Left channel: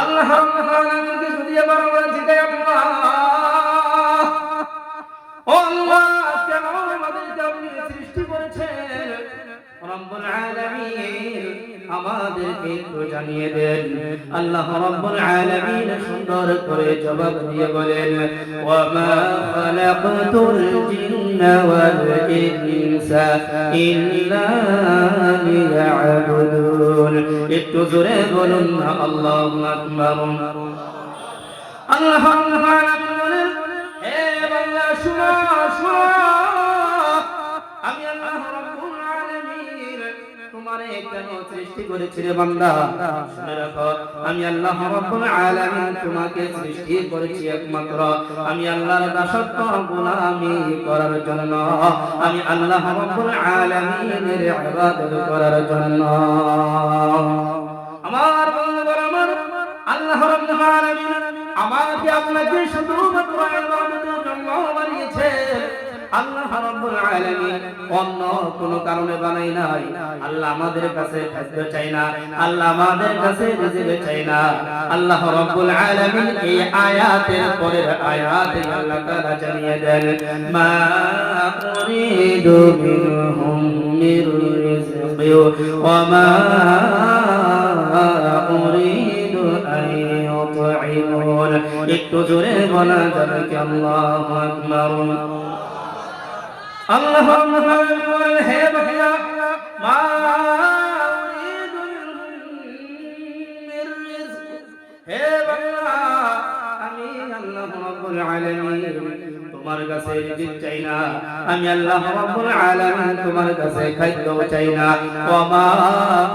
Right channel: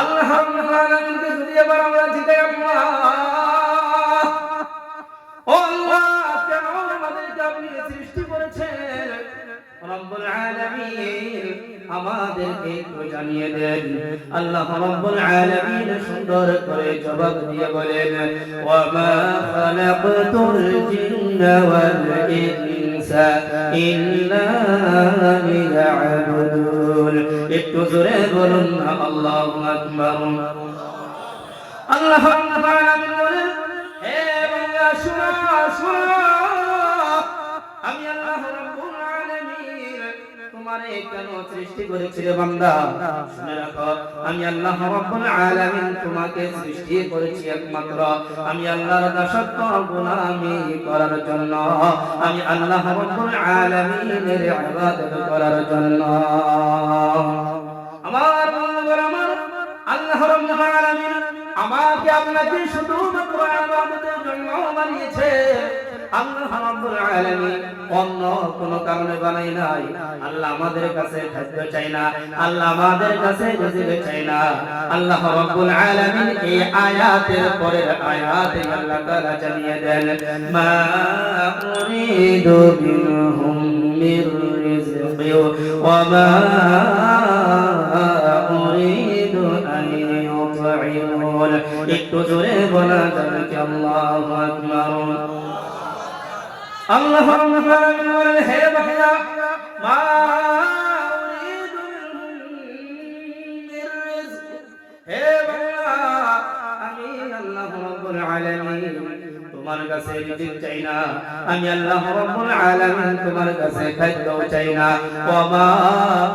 আল্লাহ রাব্বুল আলামিনকে যদি এবার আমরা জিজ্ঞাসা আল্লাহ, ও আল্লাহ, কেন আমাদেরকে আপনি সৃষ্টি করেছেন? রব্বুল আলামিন আমাদেরকে একটু জানিয়ে দেন। আল্লাহ রব্বুল আলামিন সুন্দর করে জবাব দিয়ে বলেন, ওয়া মা খালাকতুল জিন্না ওয়াল ইনসা ইল্লা লিয়াবুদুন। একটু জোরে বলুন না আল্লাহু আকবার। আল্লাহ রাব্বুল আলামিন বলেন, হে বান্দা শুনো শুনো, আমি আল্লাহ রাব্বুল আলামিন তোমারে কেন সৃষ্টি করেছি রে বান্দা? শুনে রাখো, আমি আল্লাহ রাব্বুল আলামিন তোমাকে সৃষ্টি করেছি একমাত্র আমি আল্লাহর দাসত্ব গোলামি করার জন্য, আমি আল্লাহ রাব্বুল আলামিনের ইবাদত করার জন্য। আমার বন্ধুরা, আমার আল্লাহ রাব্বুল আলামিন আমাকে আপনাকে শুধুমাত্র ইবাদতের জন্য বানিয়েছে। আল্লাহ রাব্বুল আলামিন অন্য কোন কারণে বানাই নাই। আল্লাহ আমাদের কাছে খাদ্য চাই না, আল্লাহ আমাদের কাছে রিজিক চাই না। আল্লাহ রাব্বুল আলামিন এই আয়াতের পরের আয়াতে আল্লাহ তাআলা জানিয়ে দেন, মা উরিদু মিনহুম মির রিজকি ওয়া মা উরিদু আন ইউতঈমুন। একটু জোরে বলা যাবে কি আল্লাহু আকবার। আল্লাহ রাব্বুল আলামিন বলেন, হে বান্দা, মা উরিদু মির রিজক, হে বান্দা, আমি আল্লাহ রাব্বুল আলামিন তোমার কাছে রিজিক চাই না, আমি আল্লাহ রাব্বুল আলামিন তোমার কাছে খাদ্য চাই না। ওয়া মা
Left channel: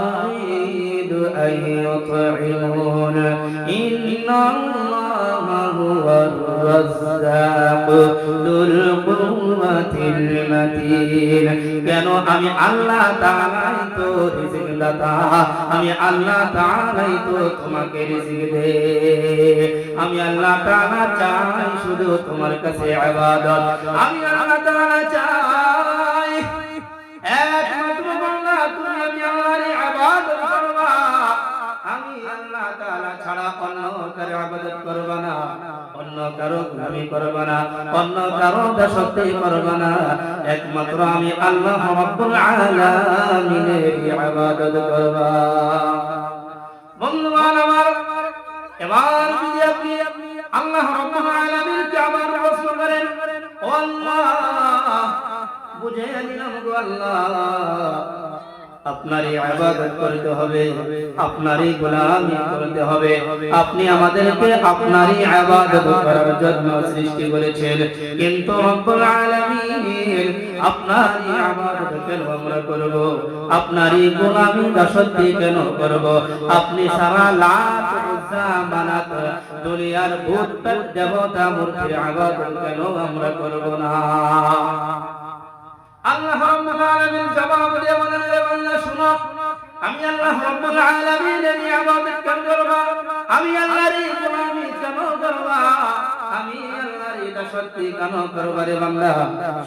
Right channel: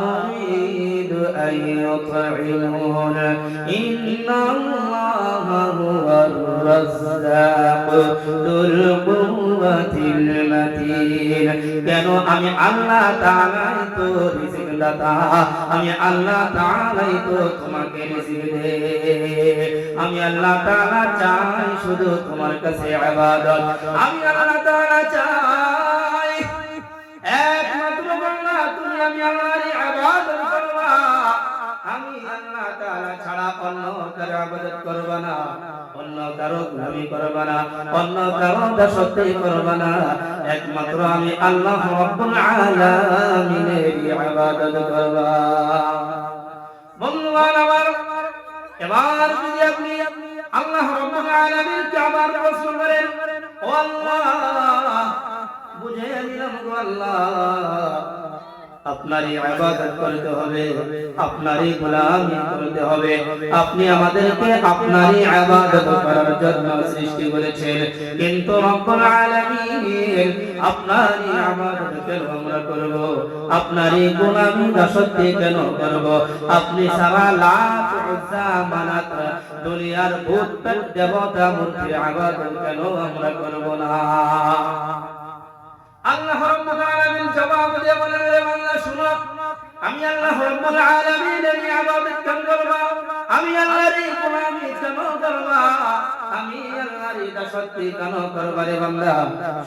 উরিদু আন ইউতঈমুন ইন্নাল্লাহা হুয়ার রাজ্জাক যুল কুওয়াতিল মাতিন। কেন? আমি আল্লাহ তাআলাই তো রিজিক দাতা, আমি আল্লাহ তাআলাই তো তোমাকে রিজিক দেই। আমি আল্লাহ তাআলা চাই শুধু তোমার কাছে ইবাদত, আমি আল্লাহ তাআলা চাই একমাত্র বান্দা তুমি আমি আল্লাহর ইবাদত করবা। আমি আল্লাহ তাআলা ছাড়া অন্য কারো ইবাদত করবা না, অন্য কারো গোলামি করবা না, অন্য কারো দাসত্ব করবা না, একমাত্র আমি আল্লাহ রাব্বুল আলামিনের ইবাদত করবা। বন্ধুগণ আমার, এবার যদি আপনি আল্লাহ রাব্বুল আলামিনকে আবার রাসূল করেন, ও আল্লাহ, বুঝে নিলাম গো আল্লাহ, আপনারই ইবাদত করতে হবে, আপনারই গোলামি করতে হবে। আপনি আমাদেরকে আপনারই ইবাদত করার জন্য সৃষ্টি করেছেন, কিন্তু রব্বুল আলামিন আপনারই ইবাদত কেন আমরা করব? আপনারই গোলামি দাসত্ব কেন করব? আপনি সারা লাত উজ্জা মানাত দুনিয়ার ভূত দেবতা মূর্তির ইবাদত কেন আমরা করব না? আল্লাহ রাব্বুল আলামিন জবাব দিয়ে বলেন, রে বান্দা শুনো, আমি আল্লাহ রাব্বুল আলামিনের ইবাদত কেন করব? আমি আল্লাহর গোলামি কেন করব? আমি আল্লাহর দাসত্ব কেন করব? রে বান্দা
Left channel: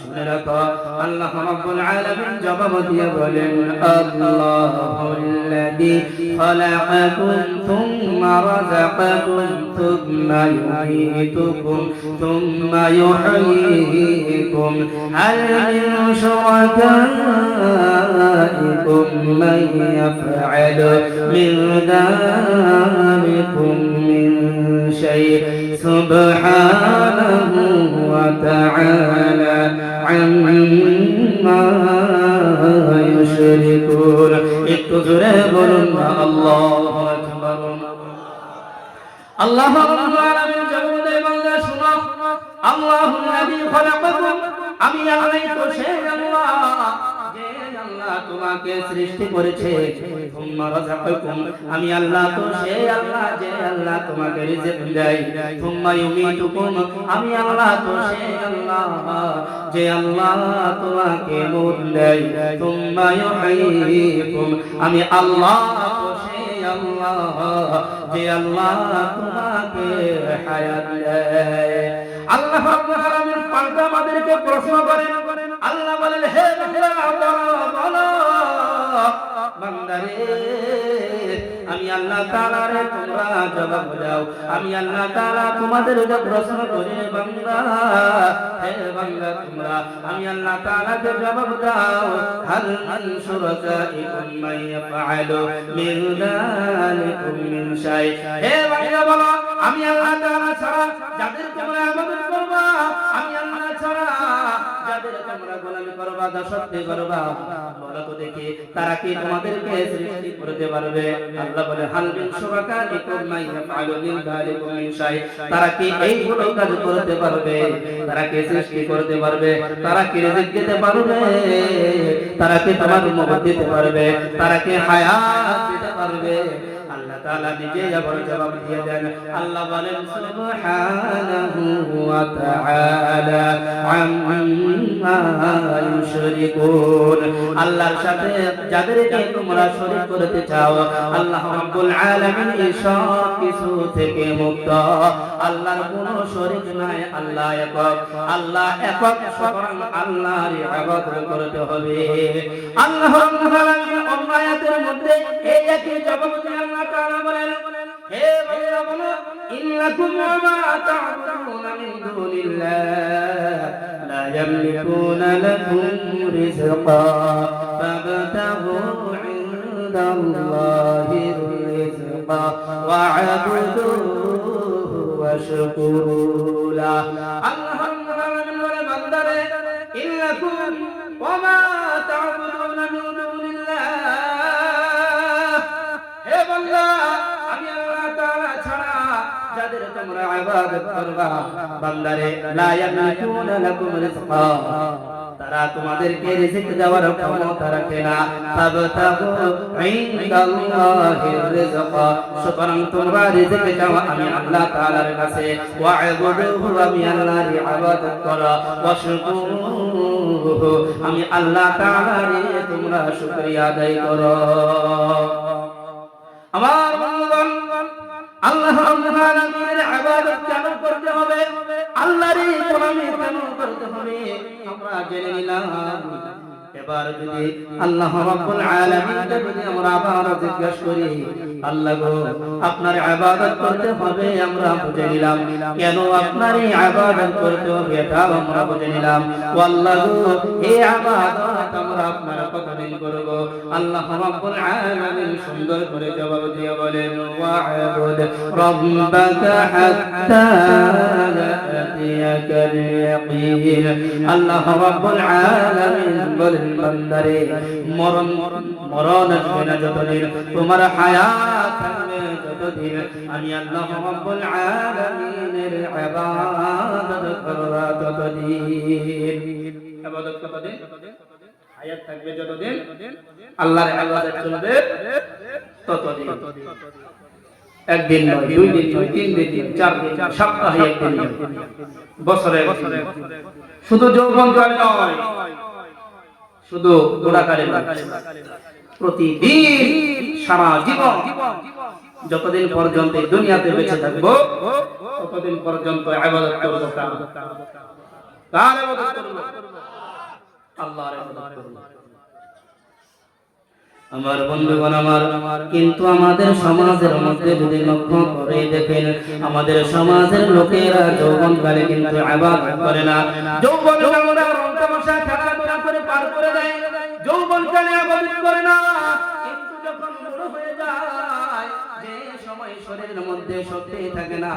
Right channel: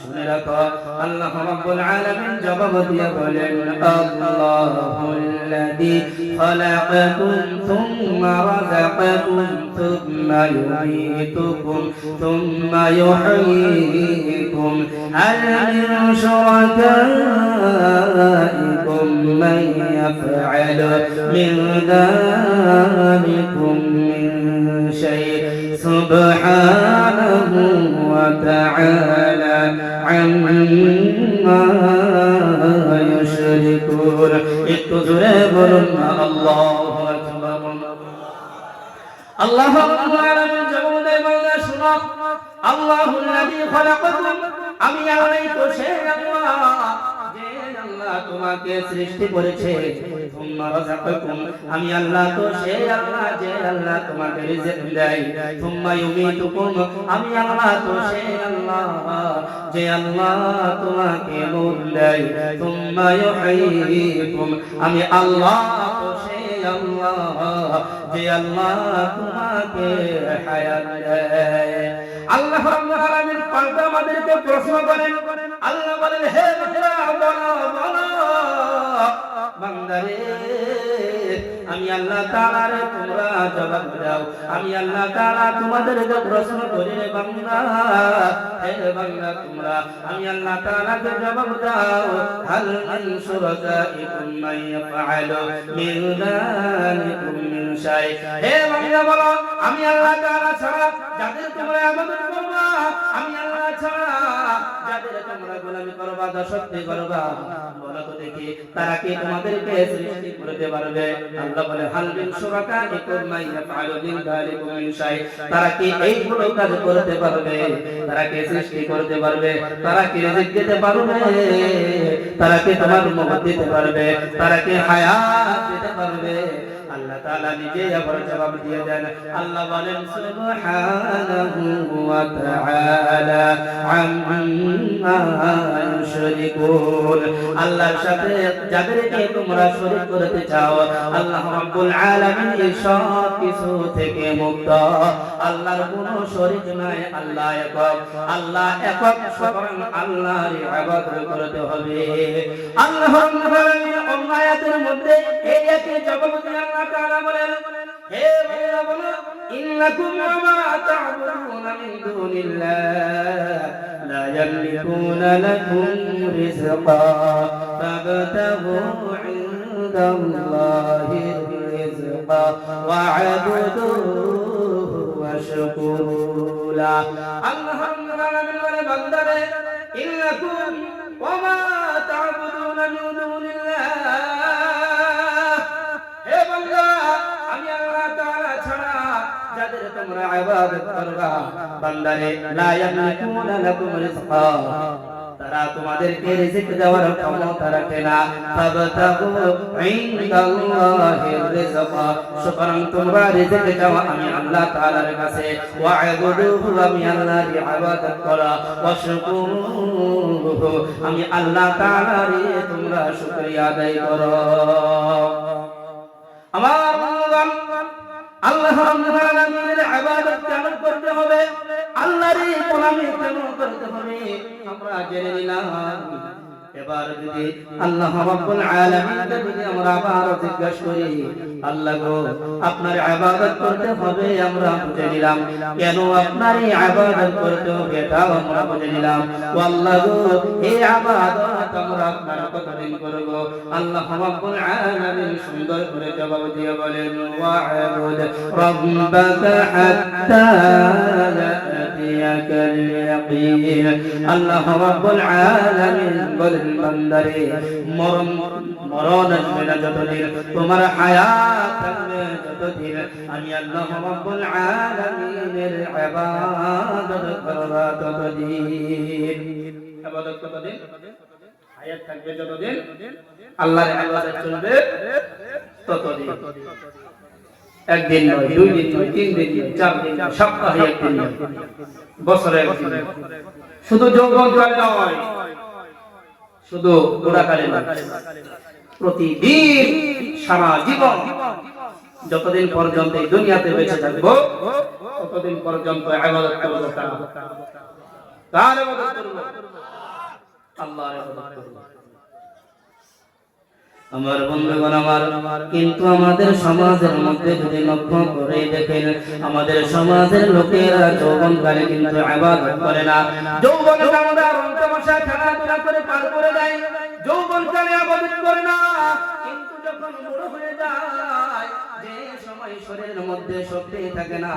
শুনে রাখো, আল্লাহ রাব্বুল আলামিন জবাব দিয়ে বলেন, আল্লাহুল্লাযী খালাকাকুম থুম্মা রাযাকাকুম থুম্মা ইউমীতুকুম থুম্মা ইউহয়ীকুম হাল মিন শুরাকাইকুম মান ইয়াফআলু মিন যালিকুম মিন শাই'ইন সুবহানাহু ওয়া তাআলা আম্মা ইউশরিকুন। একটু জোরে বলুন না আল্লাহু আকবার। আল্লাহ রাব্বুল আলামিন জবাব দেয়, বান্দা শুনো, আল্লাহুল্লাযী খালাকাকুম, আমি আল্লাহই তো সেই আল্লাহ যে আল্লাহ তোমাকে সৃষ্টি করেছে। থুম্মা রাযাকাকুম, আমি আল্লাহ তো সেই আল্লাহ যে আল্লাহ তোমাকে রিজিক দেয়। থুম্মা ইউমীতুকুম, আমি আল্লাহ তো সেই আল্লাহ যে আল্লাহ তোমাকে মরণ দেয়। থুম্মা ইউহয়ীকুম, আমি আল্লাহ তো সেই আল্লাহ যে আল্লাহ তোমাকে হায়াত দেয়। আল্লাহ রাব্বুল আলামিন পাল্টা আমাদেরকে প্রশ্ন করেন, আল্লাহ বলেন, হে বান্দা বলো বলো, বান্দারে আমি আল্লাহ তাআলারে তোমরা জবাব দাও আমি আল্লাহ তাআলা তোমাদেরকে প্রশ্ন করি রে বান্দা হে বান্দা তোমরা আমি আল্লাহ তাআলাকে জবাব দাও হাল মিন শুরাকাইকুম মান ইয়াফআলু মিন যালিকুম মিন শাই হে বান্দা বলো আমি আল্লাহ তাআলা ছাড়া যাদের তোমরা ইবাদত করবা আমি আল্লাহ ছাড়া যাদের তোমরা গোলামি করবা দাসত্ব করবা বলো তো দেখি তারা কি তোমাদেরকে সৃষ্টি করতে পারবে আল্লাহ বলে হাল মিন শুরাকাইকুম মান ইয়াফআলু মিন যালিকুম মিন শাই তারা কি এইগুলো কাজ করতে পারবে তারা কি সৃষ্টি করতে পারবে তারা কি রিজিক দিতে পারবে তারা কি তোমার মুক্তি দিতে পারবে তারা কি হায়াত দিতে পারবে আল্লাহ তাআলা নিজেই আবার জবাব দিয়ে দেন আল্লাহ বলেন সুবহানাহু ওয়া তাআলা আম্মা ইউশরিকুন আল্লাহর সাথে যাদেরকে তোমরা শরীক করতে চাও আল্লাহ রাব্বুল আলামিন এই সব কিছু থেকে মুক্ত আল্লাহর কোনো শরীক নাই আল্লাহ একক সুতরাং আল্লাহর ইবাদত করতে হবে আল্লাহ রাব্বুল আলামিন অন্য আয়াতের মধ্যে এই একই জবাব দিয়ে আল্লাহ তাআলা বলেন হে বান্দা বলো ইন্নাকুম ওয়া মা তা'বুদুনা মিন দুনিল্লাহ লা ইয়ামলিকুনা লাকুম রিজকা ফাবতাগু ইনদাল্লাহির রিজকা ওয়া'বুদুহু ওয়াশকুরু লা আল্লাহ রাব্বুল আলামিন বলে বান্দারে ইন্নাকুম ওয়া মা তা'বুদুনা মিন দুনিল্লাহ হে বান্দা আমি আল্লাহ তাআলা ছাড়া যাদের তোমরা ইবাদত করবা বান্দারে লা ইয়ামলিকুনা লাকুম রিজকা তারা তোমাদেরকে রিজিক দেওয়ার ক্ষমতা রাখে না তাবতাগু ইনদাল্লাহির রিজকা সুতরাং তোমরা রিজিক চাও আমি আল্লাহ তাআলার কাছে ওয়া'বুদুহু আমি আল্লাহর ইবাদত করো ওয়াশকুরুহু আমি আল্লাহ তাআলার তোমরা শুকরিয়া আদায় করো আমার বন্ধুগণ আল্লাহ রাব্বুল আলামিনের ইবাদত কেন করতে হবে আল্লাহর গোলামি কেন করতে হবে আমরা জেনে নিলাম এবার যদি আল্লাহ রাব্বুল আলামিনকে যদি আমরা আবার জিজ্ঞাসা করি আল্লাহ গো আপনার ইবাদত করতে হবে আমরা বুঝে নিলাম কেন আপনার এই ইবাদত করতে হবে এটা আমরা বুঝে নিলাম ও আল্লাহ গো এই ইবাদত আমরা আপনার কতদিন করব আল্লাহ রাব্বুল আলামিন সুন্দর করে জবাব দিয়ে বলেন ওয়া'বুদ রাব্বাকা হাত্তা ইয়াতিয়াকাল ইয়াকিন আল্লাহ রাব্বুল আলামিন বলেন বান্দারে মরণ আসবে না যতদিন তোমার হায়াত থাকবে যতদিন আমি আল্লাহ রাব্বুল আলামিনের ইবাদত করবা ততদিন ইবাদত কতদিন হায়াত থাকবে যতদিন আল্লাহর ইবাদত চলবে ততদিন একদিন নয় দুই দিন নয় তিন দিন চার দিন সপ্তাহে একদিন বছরে শুধু যৌবনকালে নয় শুধু বুড়াকালে নয় প্রতিদিন সারা জীবন যতদিন পর্যন্ত এই দুনিয়াতে বেঁচে থাকবো ততদিন পর্যন্ত ইবাদত করব কার ইবাদত করব আল্লাহর ইবাদত করব আমার বন্ধুগণ আমার কিন্তু আমাদের সমাজের মধ্যে যদি লক্ষ্য করে দেখেন আমাদের সমাজের লোকেরা যৌবনকালে কিন্তু ইবাদত করে না যৌবনকালে আমরা রং তামাশা খেলাধুলা করে পার করে দেয় যৌবনকালে ইবাদত করে না কিন্তু যখন বড় হয়ে যায় যে সময় শরীরের মধ্যে শক্তি থাকে না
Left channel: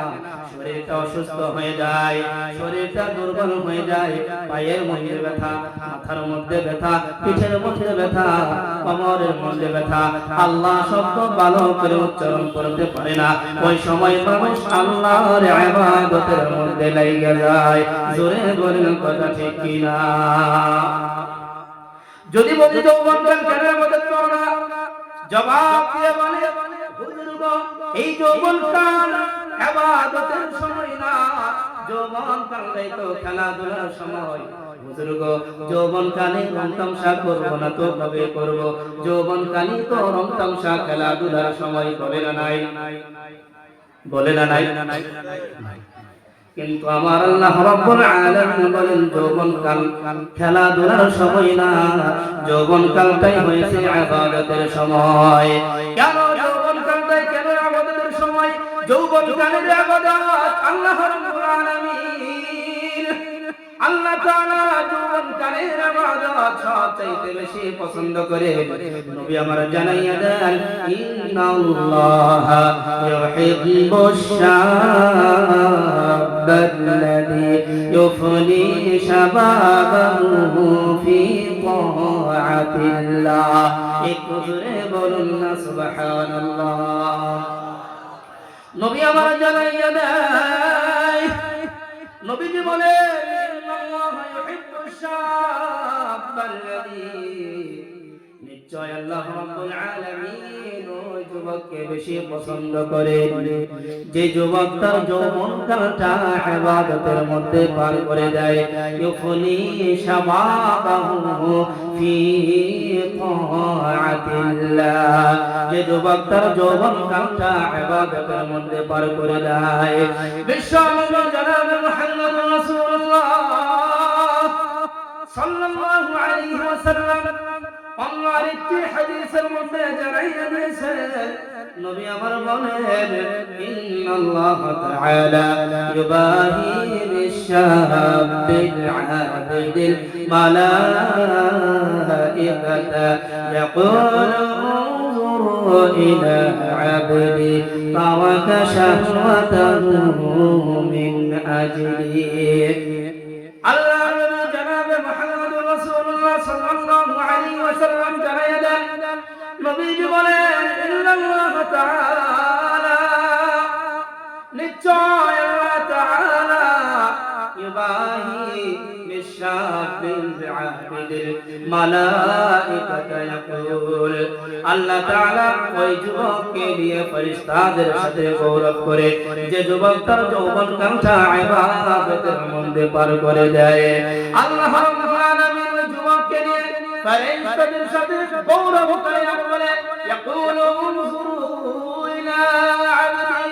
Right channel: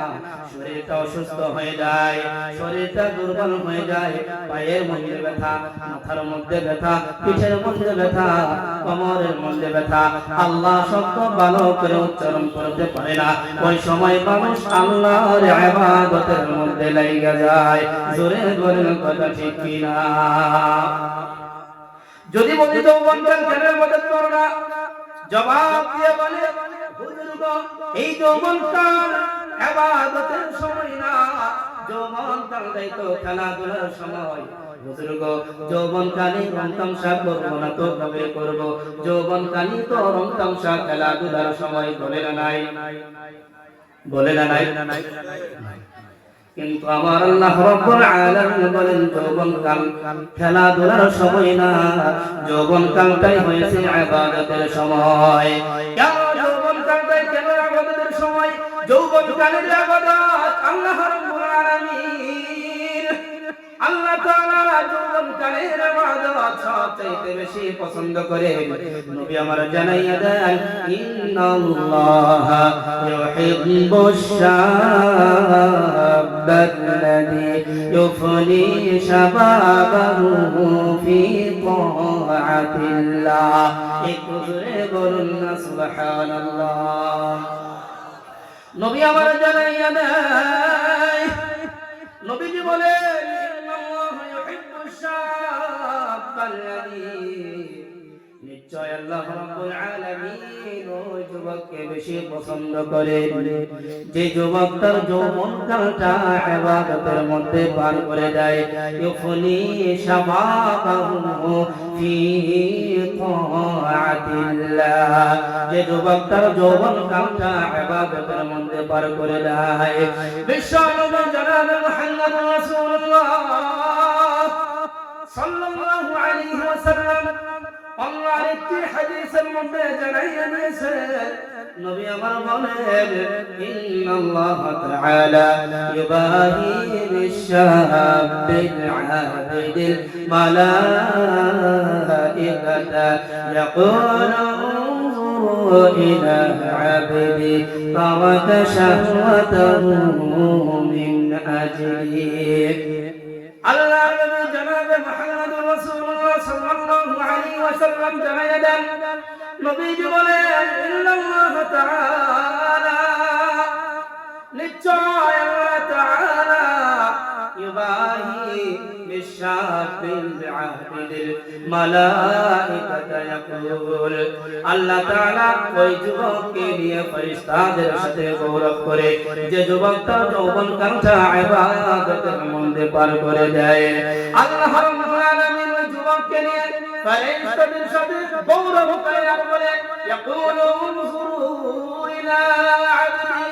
শরীরটা অসুস্থ হয়ে যায় শরীরটা দুর্বল হয়ে যায় পায়ের মধ্যে ব্যথা মাথার মধ্যে ব্যথা পিঠের মধ্যে ব্যথা কোমরের মধ্যে ব্যথা আল্লাহ শব্দ ভালো করে উচ্চারণ করতে পারে না ওই সময় মানুষ আল্লাহর ইবাদতের মধ্যে লেগে যায় জোরে বলেন কথা ঠিক কি না যদি বলি যৌবনকাল কেন ইবাদত করো না জবাব দিয়ে বলে হুজুর গো এই যৌবনকাল ইবাদতের সময় না যৌবনকাল তো খেলাধুলার সময় হুজুর গো যৌবনকালে রং তামসা করবো না তো ভাবে করবো যৌবনকালে তো রং তামসা খেলাধুলার সময় বলে না নাই কিন্তু আমার আল্লাহ রাব্বুল আলামিন বলেন যৌবনকাল খেলাধুলার সময় না, যৌবনকালটাই হয়েছে ইবাদতের সময়। কেন যৌবনকালটাই কেন ইবাদতের সময়? যৌবনকালের ইবাদত আল্লাহ রাব্বুল আলামিন, আল্লাহ তাআলা যৌবনকালের ইবাদত সবচেয়ে বেশি পছন্দ করে। নবী আমার জানাইয়া দেন, ইন্নাল্লাহা ইউহিব্বুশ শাবাল্লাযী ইউফনি শাবাবাহু ফি তাআতিল্লাহ। একটু জোরে বলুন না সুবহানাল্লাহ। নবী আমার জানাইয়া দেয়, নবীজি বলেন, ইন্নাল্লাহা ইউহিব্বুশ শাবাল্লাযী, নিশ্চয় আল্লাহ রাব্বুল আলামিন ওই যুবককে বেশি পছন্দ করেন যে যুবক তার যৌবনকালটা ইবাদতের মধ্যে পার করে দেয়। ইউফনি শাবাবাহু ফি তাআতিল্লাহ, যে যুবক তার যৌবনকালটা ইবাদতের মধ্যে পার করে দেয়। বিশ্বনবী জনাব মুহাম্মদ রাসূলুল্লাহ সাল্লাল্লাহু আলাইহি ওয়াসাল্লাম আমার একটি হাদিসের মধ্যে জানাইয়া দিয়েছেন, নবী আমার বলেন, ইন্নাল্লাহ তাআলা ইউবাহি বিশ-শাবিল আবিদিল মালাইকাতা ইয়াকুলু উনজুরু ইলা আবদি তারাকা শাহওয়াতাহু মিন আজলি। আল্লাহ নবী জনাবে মুহাম্মদুর রাসূলুল্লাহ সাল্লাল্লাহু আলাইহি ওয়াসাল্লাম জানাইয়া দেন, নবীজি বলেন, ইন্নাল্লাহ তাআলা, নিশ্চয় আল্লাহ তাআলা ইউবাহি বিশ-শাবিল আবিদিল মালাইকাতা ইয়াকুল, আল্লাহ তাআলা ওই যুবককে নিয়ে ফেরেশতাদের সাথে গৌরব করে যে যুবক তার যৌবনকালটা ইবাদতের মধ্যে পার করে দেয়। আল্লাহ রাব্বুল আলামিন ওই যুবককে নিয়ে ফেরেশতাদের সাথে গৌরব করে আর বলে, ইয়াকুলু উনজুরু ইলা আবদি,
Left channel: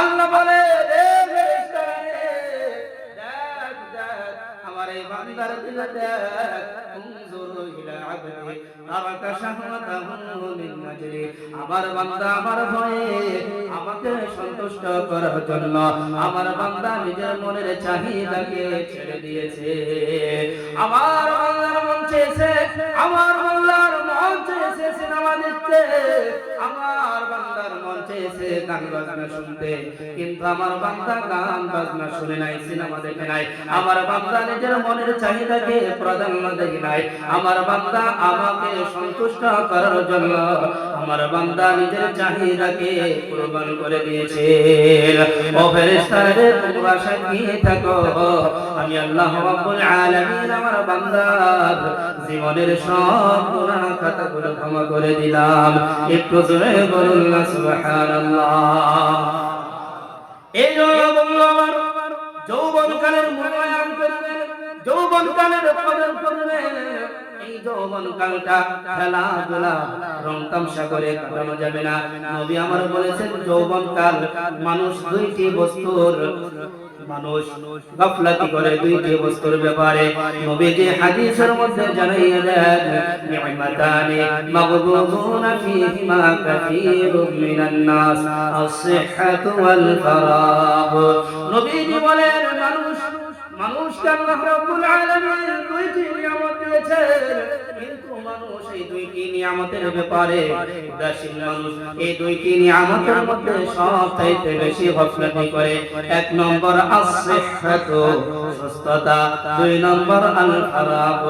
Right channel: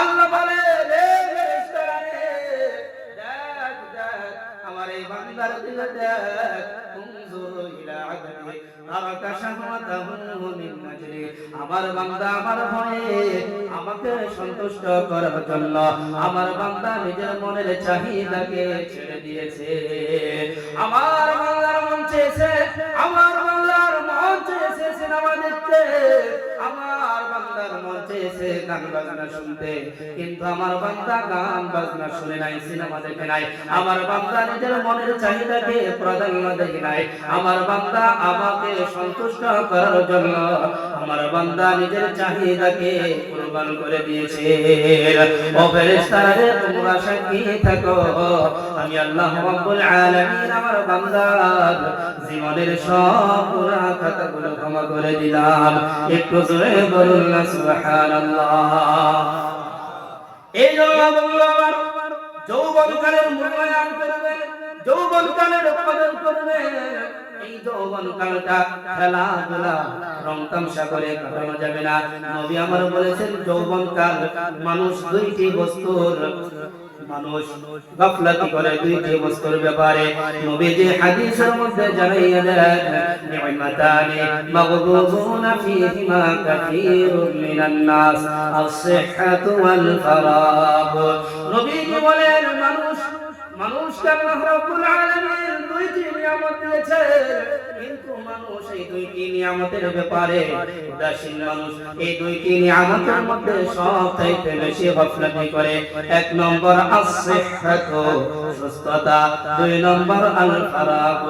আল্লাহ বলে, রে ফেরেশতারা রে, দেখ দেখ আমার এই বান্দার দিকে দেখ, উনজুরু ইলা আবদি তারাকা শাহওয়াতাহু মিন আজলি, আমার বান্দা আমার ভয়ে আমাকে সন্তুষ্ট করার জন্য আমার বান্দা নিজের মনের চাহিদাকে ছেড়ে দিয়েছে। আমার বান্দার মন চেয়েছে, আমার বান্দার মন চেয়েছে সিনেমা দেখতে, আমার বান্দার মন চেয়েছে গান বাজনা শুনতে, কিন্তু আমার বান্দা গান বাজনা শুনে নাই, সিনেমা দেখে নাই। আমার বান্দা নিজের মনের চাহিদাকে প্রাধান্য দেয় নাই। আমার বান্দা আমাকে সন্তুষ্ট করার জন্য আমার বান্দা নিজের চাহিদাকে কুরবান করে দিয়েছে। ও ফেরেশতারা, তোমরা সাক্ষী থাকো, আমি আল্লাহ রাব্বুল আলামিন আমার বান্দার জীবনের সব গুনাহ খাতাগুলো ক্ষমা করে দিলাম। একটু জোরে বলুন না সুবহানাল্লাহ। এই জন্য আমার যৌবনকালের মূল্যায়ন করবেন, যৌবনকালের কদর করবেন। এই যৌবনকালটা খেলাধুলা রং তামসা করে কাটানো যাবে না। নবী আমার বলেছেন, যৌবনকাল মানুষ দুইটি বস্তুর গাফলাতি করে দুইটি বস্তুর ব্যাপারে। নবীজি হাদিসের মধ্যে জানাইয়া দেন, নি'মাতানি মাগবুবুনা ফীহিমা কাসীরুম মিনান নাস, আস-সিহহাতু ওয়াল ফারাগ। নবীজি বলেন, মানুষকে আল্লাহ রাব্বুল আলামিন দুইটি নিয়ামত দিয়েছেন, কিন্তু মানুষ এই দুইটি নিয়ামতের ব্যাপারে উদাসীন। মানুষ এই দুইটি নিয়ামতের মধ্যে সবচাইতে বেশি গাফলাতি করে। এক নম্বর আস-সিহহাতু, সুস্থতা। দুই নম্বর আল-ফারাগ,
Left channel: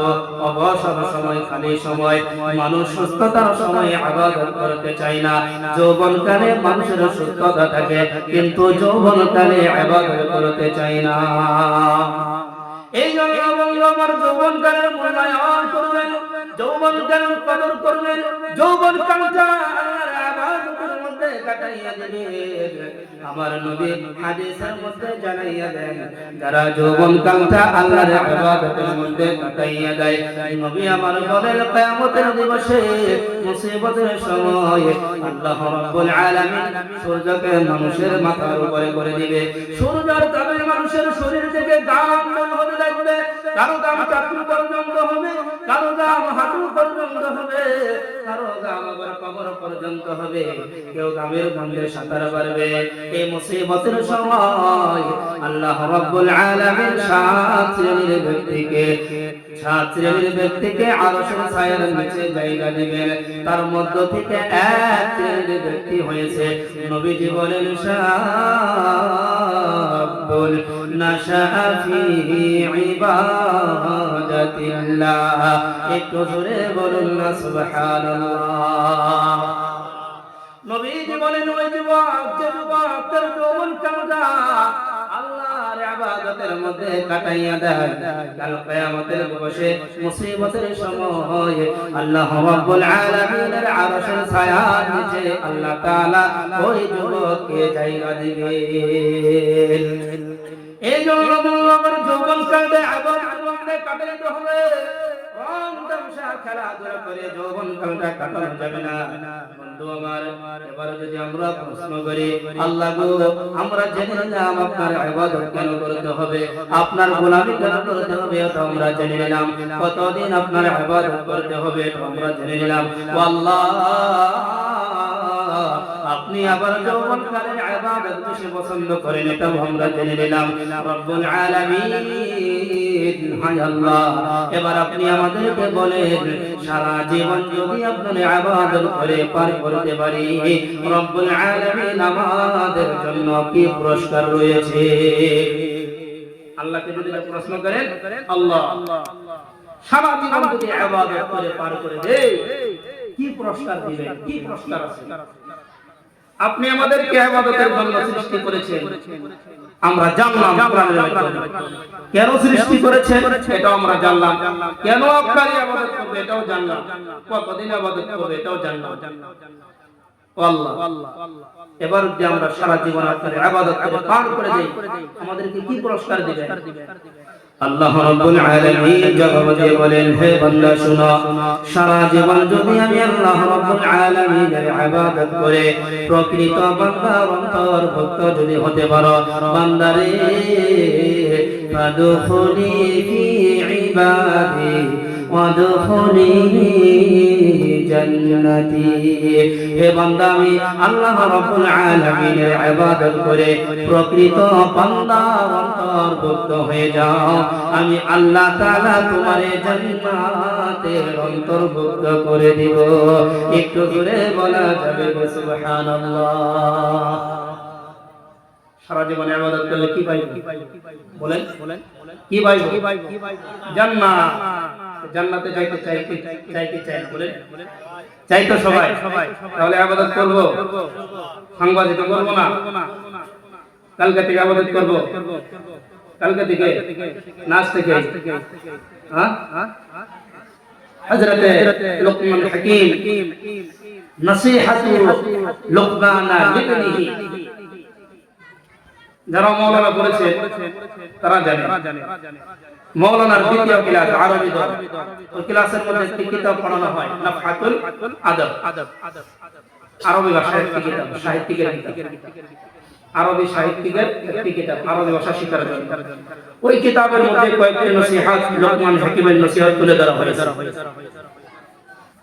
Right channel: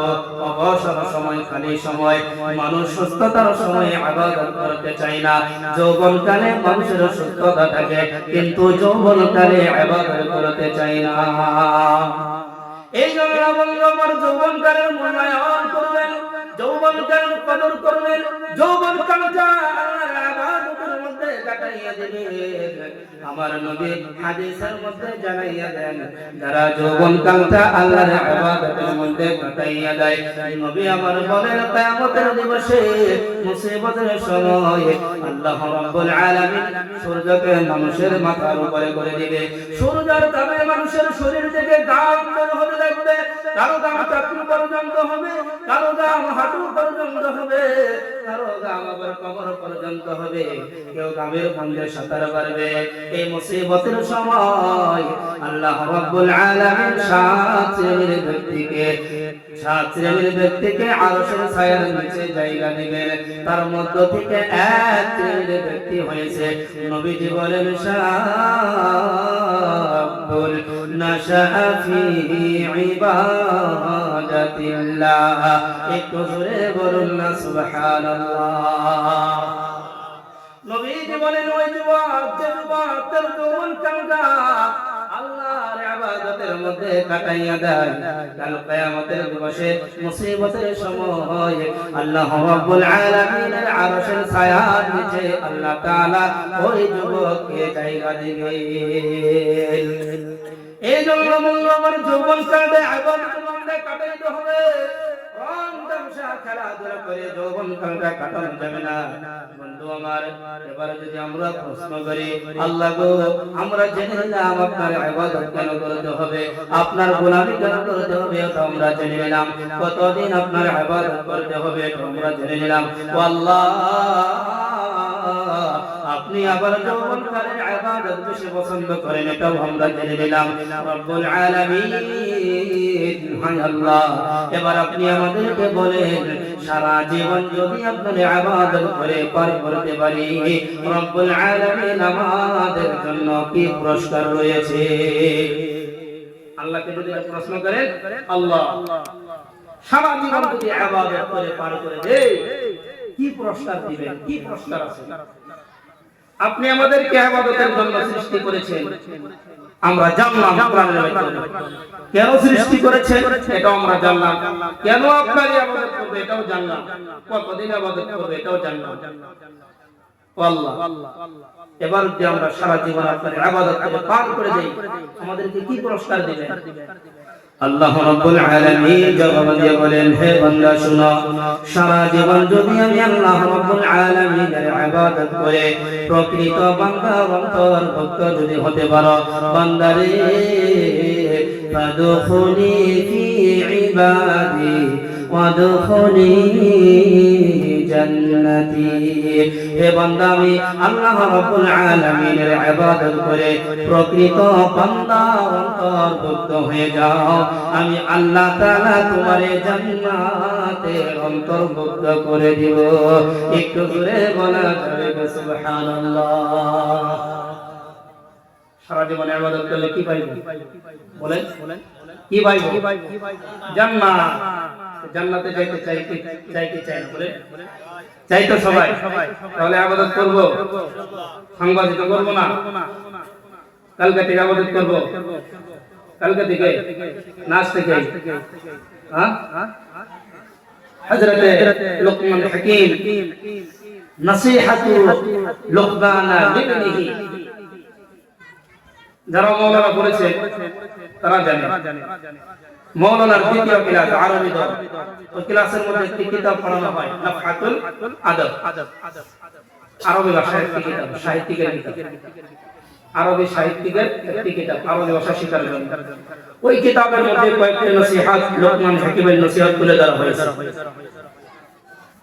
অবসর সময়, খালি সময়। মানুষ সুস্থতার সময় ইবাদত করতে চায় না। যৌবনকালে মানুষের সুস্থতা থাকে, কিন্তু যৌবনকালে ইবাদত করতে চায় না। এই জন্য আমার যৌবনকালের মূল্যায়ন করবেন, যৌবনকালের কদর করবেন, যৌবনকালটা আল্লাহর ইবাদতের মধ্যে কাটাইয়া দিবেন। আমার নবী হাদিসের মধ্যে জানাইয়া দেন যারা যৌবন কালটা আল্লাহর ইবাদতের মধ্যে কাটাইয়া দেয় নবী আমার বলেন কিয়ামতের দিবসে মুসিবতের সময় আল্লাহ রাব্বুল আলামিন সূর্যকে মানুষের মাথার উপরে করে দিবে সূর্যের তাপে মানুষের শরীর থেকে ঘাম বের হতে লাগবে কারো ঘাম চাকরি পর্যন্ত হবে কারো ঘাম হাঁটু পর্যন্ত হবে কারো ঘাম আবার কবর পর্যন্ত হবে কেউ ঘামের বন্ধে সাঁতার পারবে এই মুসিবতের সময় আল্লাহ রাব্বুল আলামিন সাত শ্রেণীর ব্যক্তিকে আরশের ছায়ার নিচে জায়গা দিবেন তার মধ্য থেকে এক শ্রেণীর ব্যক্তি হয়েছে নবীজি বলেন শাবুল নাশা ফি ইবাদাতিল্লাহ একটু জোরে বলুন না সুবহানাল্লাহ নবীজি বলেন ওই যুবক যে যুবক তার যৌবন কালটা আল্লাহর ইবাদতের মধ্যে কাটাইয়া দেয় কাল কিয়ামতের দিবসে মুসিবতের সময় আল্লাহ রাব্বুল আলামিনের আরশের ছায়ার নিচে আল্লাহ তাআলা ওই যুবককে জায়গা দিবেন এই জন্য আমার যৌবন কালে ইবাদতের মধ্যে কাটাইতে হবে রং তামসা খেলাধুলা করে যৌবন কালটা কাটানো যাবে না বন্ধু আমার এবার যদি আমরা প্রশ্ন করি আল্লাহ গো আমরা জেনে নিলাম আপনার ইবাদত কেন করতে হবে আপনার গোলামি কেন করতে হবে এটা আমরা জেনে নিলাম কতদিন আপনার ইবাদত করতে হবে এটা আমরা জেনে নিলাম আল্লাহ আপনি আবার যৌবন কালের ইবাদত বেশি পছন্দ করেন এটাও আমরা জেনে নিলাম রব্বুল আলামিন হায় আল্লাহ এবার আপনি আমাদেরকে বলেন সারা জীবন যদি আপনি ইবাদত করে পার করতে পারি রব্বুল আলামিন আমাদের জন্য কি পুরস্কার রয়েছে আল্লাহকে যদি প্রশ্ন করেন আল্লাহ সারা জীবন যদি ইবাদত করে পার করে দেই কি পুরস্কার দিবেন কি পুরস্কার আছে আপনি আমাদেরকে ইবাদতের জন্য সৃষ্টি করেছেন আমরা জানলাম কোরআনের মাধ্যমে কেন সৃষ্টি করেছেন এটাও আমরা জানলাম কেন আপনার ইবাদত করবে এটাও জানলাম কতদিন ইবাদত করবে এটাও জানলাম আল্লাহ এবার যদি আমরা সারা জীবন আপনার ইবাদত করে পার করে দেই আমাদেরকে কি পুরস্কার দিবেন আল্লাহ রাব্বুল আলামিন জবাব দিয়ে বলেন হে বান্দা শুনো সারা জীবন যদি আমি আল্লাহ রাব্বুল আলামিনের ইবাদত করে প্রকৃত বান্দা অন্তর্ভুক্ত যদি হতে পারো বান্দারে ফাদখুলি ফি ইবাদি ওয়াদখুলি জান্নাতি হে বান্দা আমি আল্লাহ রাব্বুল আলামিনের ইবাদত করে প্রকৃত বান্দা অন্তর্ভুক্ত হয়ে যাও আমি আল্লাহ তাআলা তোমারে জান্নাতে অন্তর্ভুক্ত করে দিব একটু জোরে বলা যাবে সুবহানাল্লাহ সারা জীবন ইবাদত করলে কি পাইব বলেন কি পাইব জান্নাত জান্নাতে যাইতে চাই না বলেন চাই তো সবাই তাহলে ইবাদত করব সাংবাদিক করব না কালকে থেকে ইবাদত করব কালকে থেকে নাচ থেকে হ্যাঁ হযরতে লুকমান হাকিম নসিহাতু লুকমানা লিবনিহি যারা মাওলানা বলেছে তারা জানে মাওলানার দ্বিতীয় ক্লাস আরবি দল ওই ক্লাসের মধ্যে একটি কিতাব পড়ানো হয় নাফহাতুল আদব আরবি ভাষার একটি কিতাব সাহিত্যিকের কিতাব আরবি সাহিত্যিকের একটি কিতাব আরবি ভাষা শেখার জন্য ওই কিতাবের মধ্যে কয়েকটি নসিহত লুকমান হাকিমের নসিহত তুলে ধরা হয়েছে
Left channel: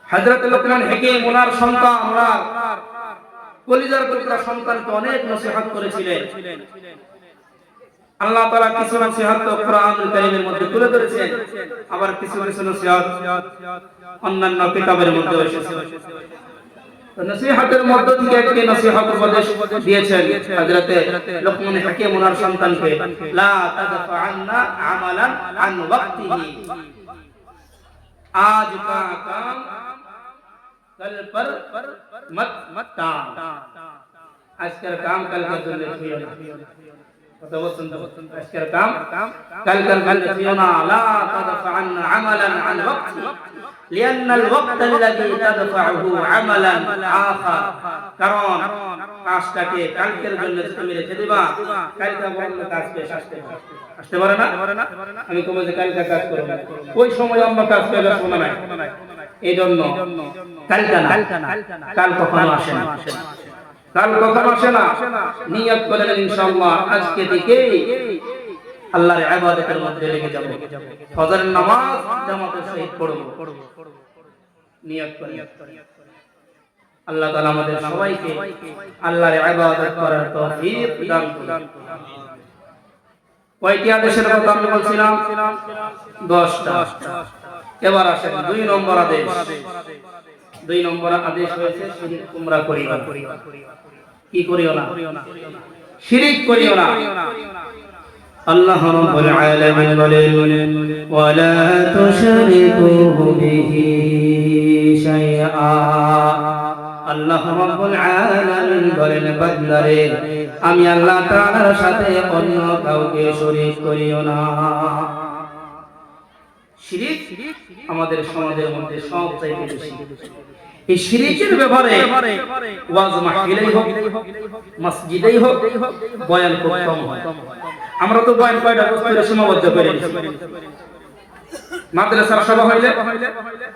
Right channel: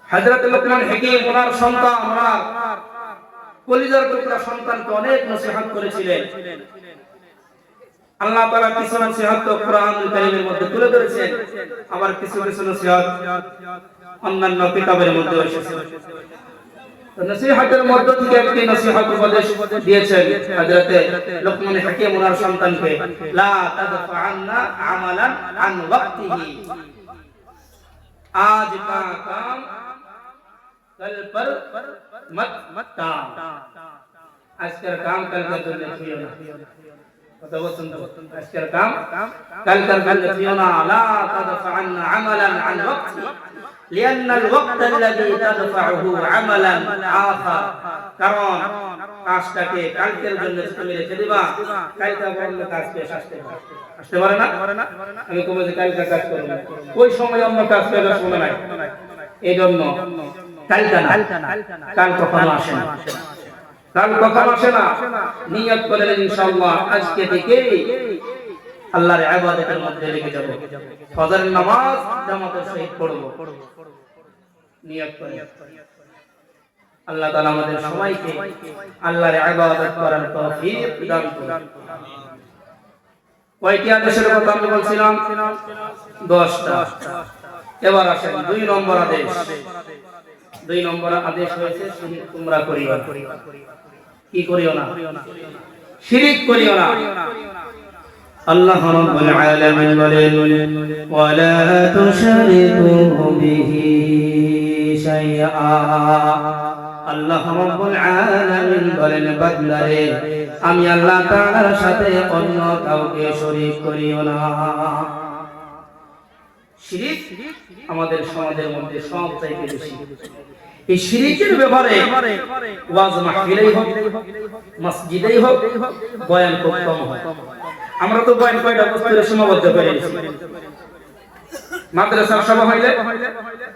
হযরত লুকমান হাকিম ওনার সন্তান ওনার কলিজার টুকরা সন্তানকে অনেক নসিহত করেছিলেন আল্লাহ তাআলা কিছু নসিহত কোরআনুল কারীমের মধ্যে তুলে ধরেছেন আবার কিছু কিছু নসিহত অন্যান্য কিতাবের মধ্যে এসেছে তো নসিহতের মধ্য থেকে একটি নসিহত উপদেশ দিয়েছেন হযরত লুকমান হাকিম ওনার সন্তানকে লা তাদফা'আন্না আমালান আন ওয়াক্তিহি আজ কা কাম कल पर मत टाल আজকের কাম কালকে জন্য ছিও না কত বছর আজকের কাম কালকের জন্য ছিও না লা তাদফা'আন্না আমালান আন ওয়াক্তি لأن الوقت الذي تدفعه عملا آخر কারণ কাজটাকে কালকের জন্য তুমি রেখে দিবা, কালকে বলল কাজ পেশ আসতে পারে না। আমি কবে যে কালকে কাজ করব, ওই সময় অন্য কাজ পেলে শোনা নাই। এই জন্য কালকে না, কাল কখনো আসে না, কাল কখনো আসে না। নিয়ত করে ইনশাআল্লাহ আজকে থেকেই আল্লাহর ইবাদতের মধ্যে লেগে যাব, ফজরের নামাজ জামাতের সহিত পড়ব, নিয়ত করে। আল্লাহ তাআলা আমাদের সবাইকে আল্লাহর ইবাদত করার তৌফিক দান করুন। কয়টি আদেশের কথা আমি বলছিলাম? 10টা। এবার আসেন 2 নম্বর আদেশ। 2 নম্বর আদেশ হয়েছে শিরক তোমরা করিও না। কি করিও না? শিরক করিও না। আল্লাহ রাব্বুল আলামিন বলেন, ওয়ালা তুশরিকু বিহি শাইআ। আল্লাহ রাব্বুল আলামিন বলেন, বান্দারে আমি আল্লাহ তাআলার সাথে অন্য কাউকে শরীক করিও না। শিরক আমাদের সমাজের মধ্যে সবচাইতে বেশি। এই শিরকের ব্যাপারে ওয়াজ মাহফিলেই হোক, মসজিদেই হোক, বয়ান খুব কম হয়। আমরা তো বয়ান কয়টা বস্তুতে সীমাবদ্ধ করে নিয়েছি। মাদ্রাসার সভা হইলে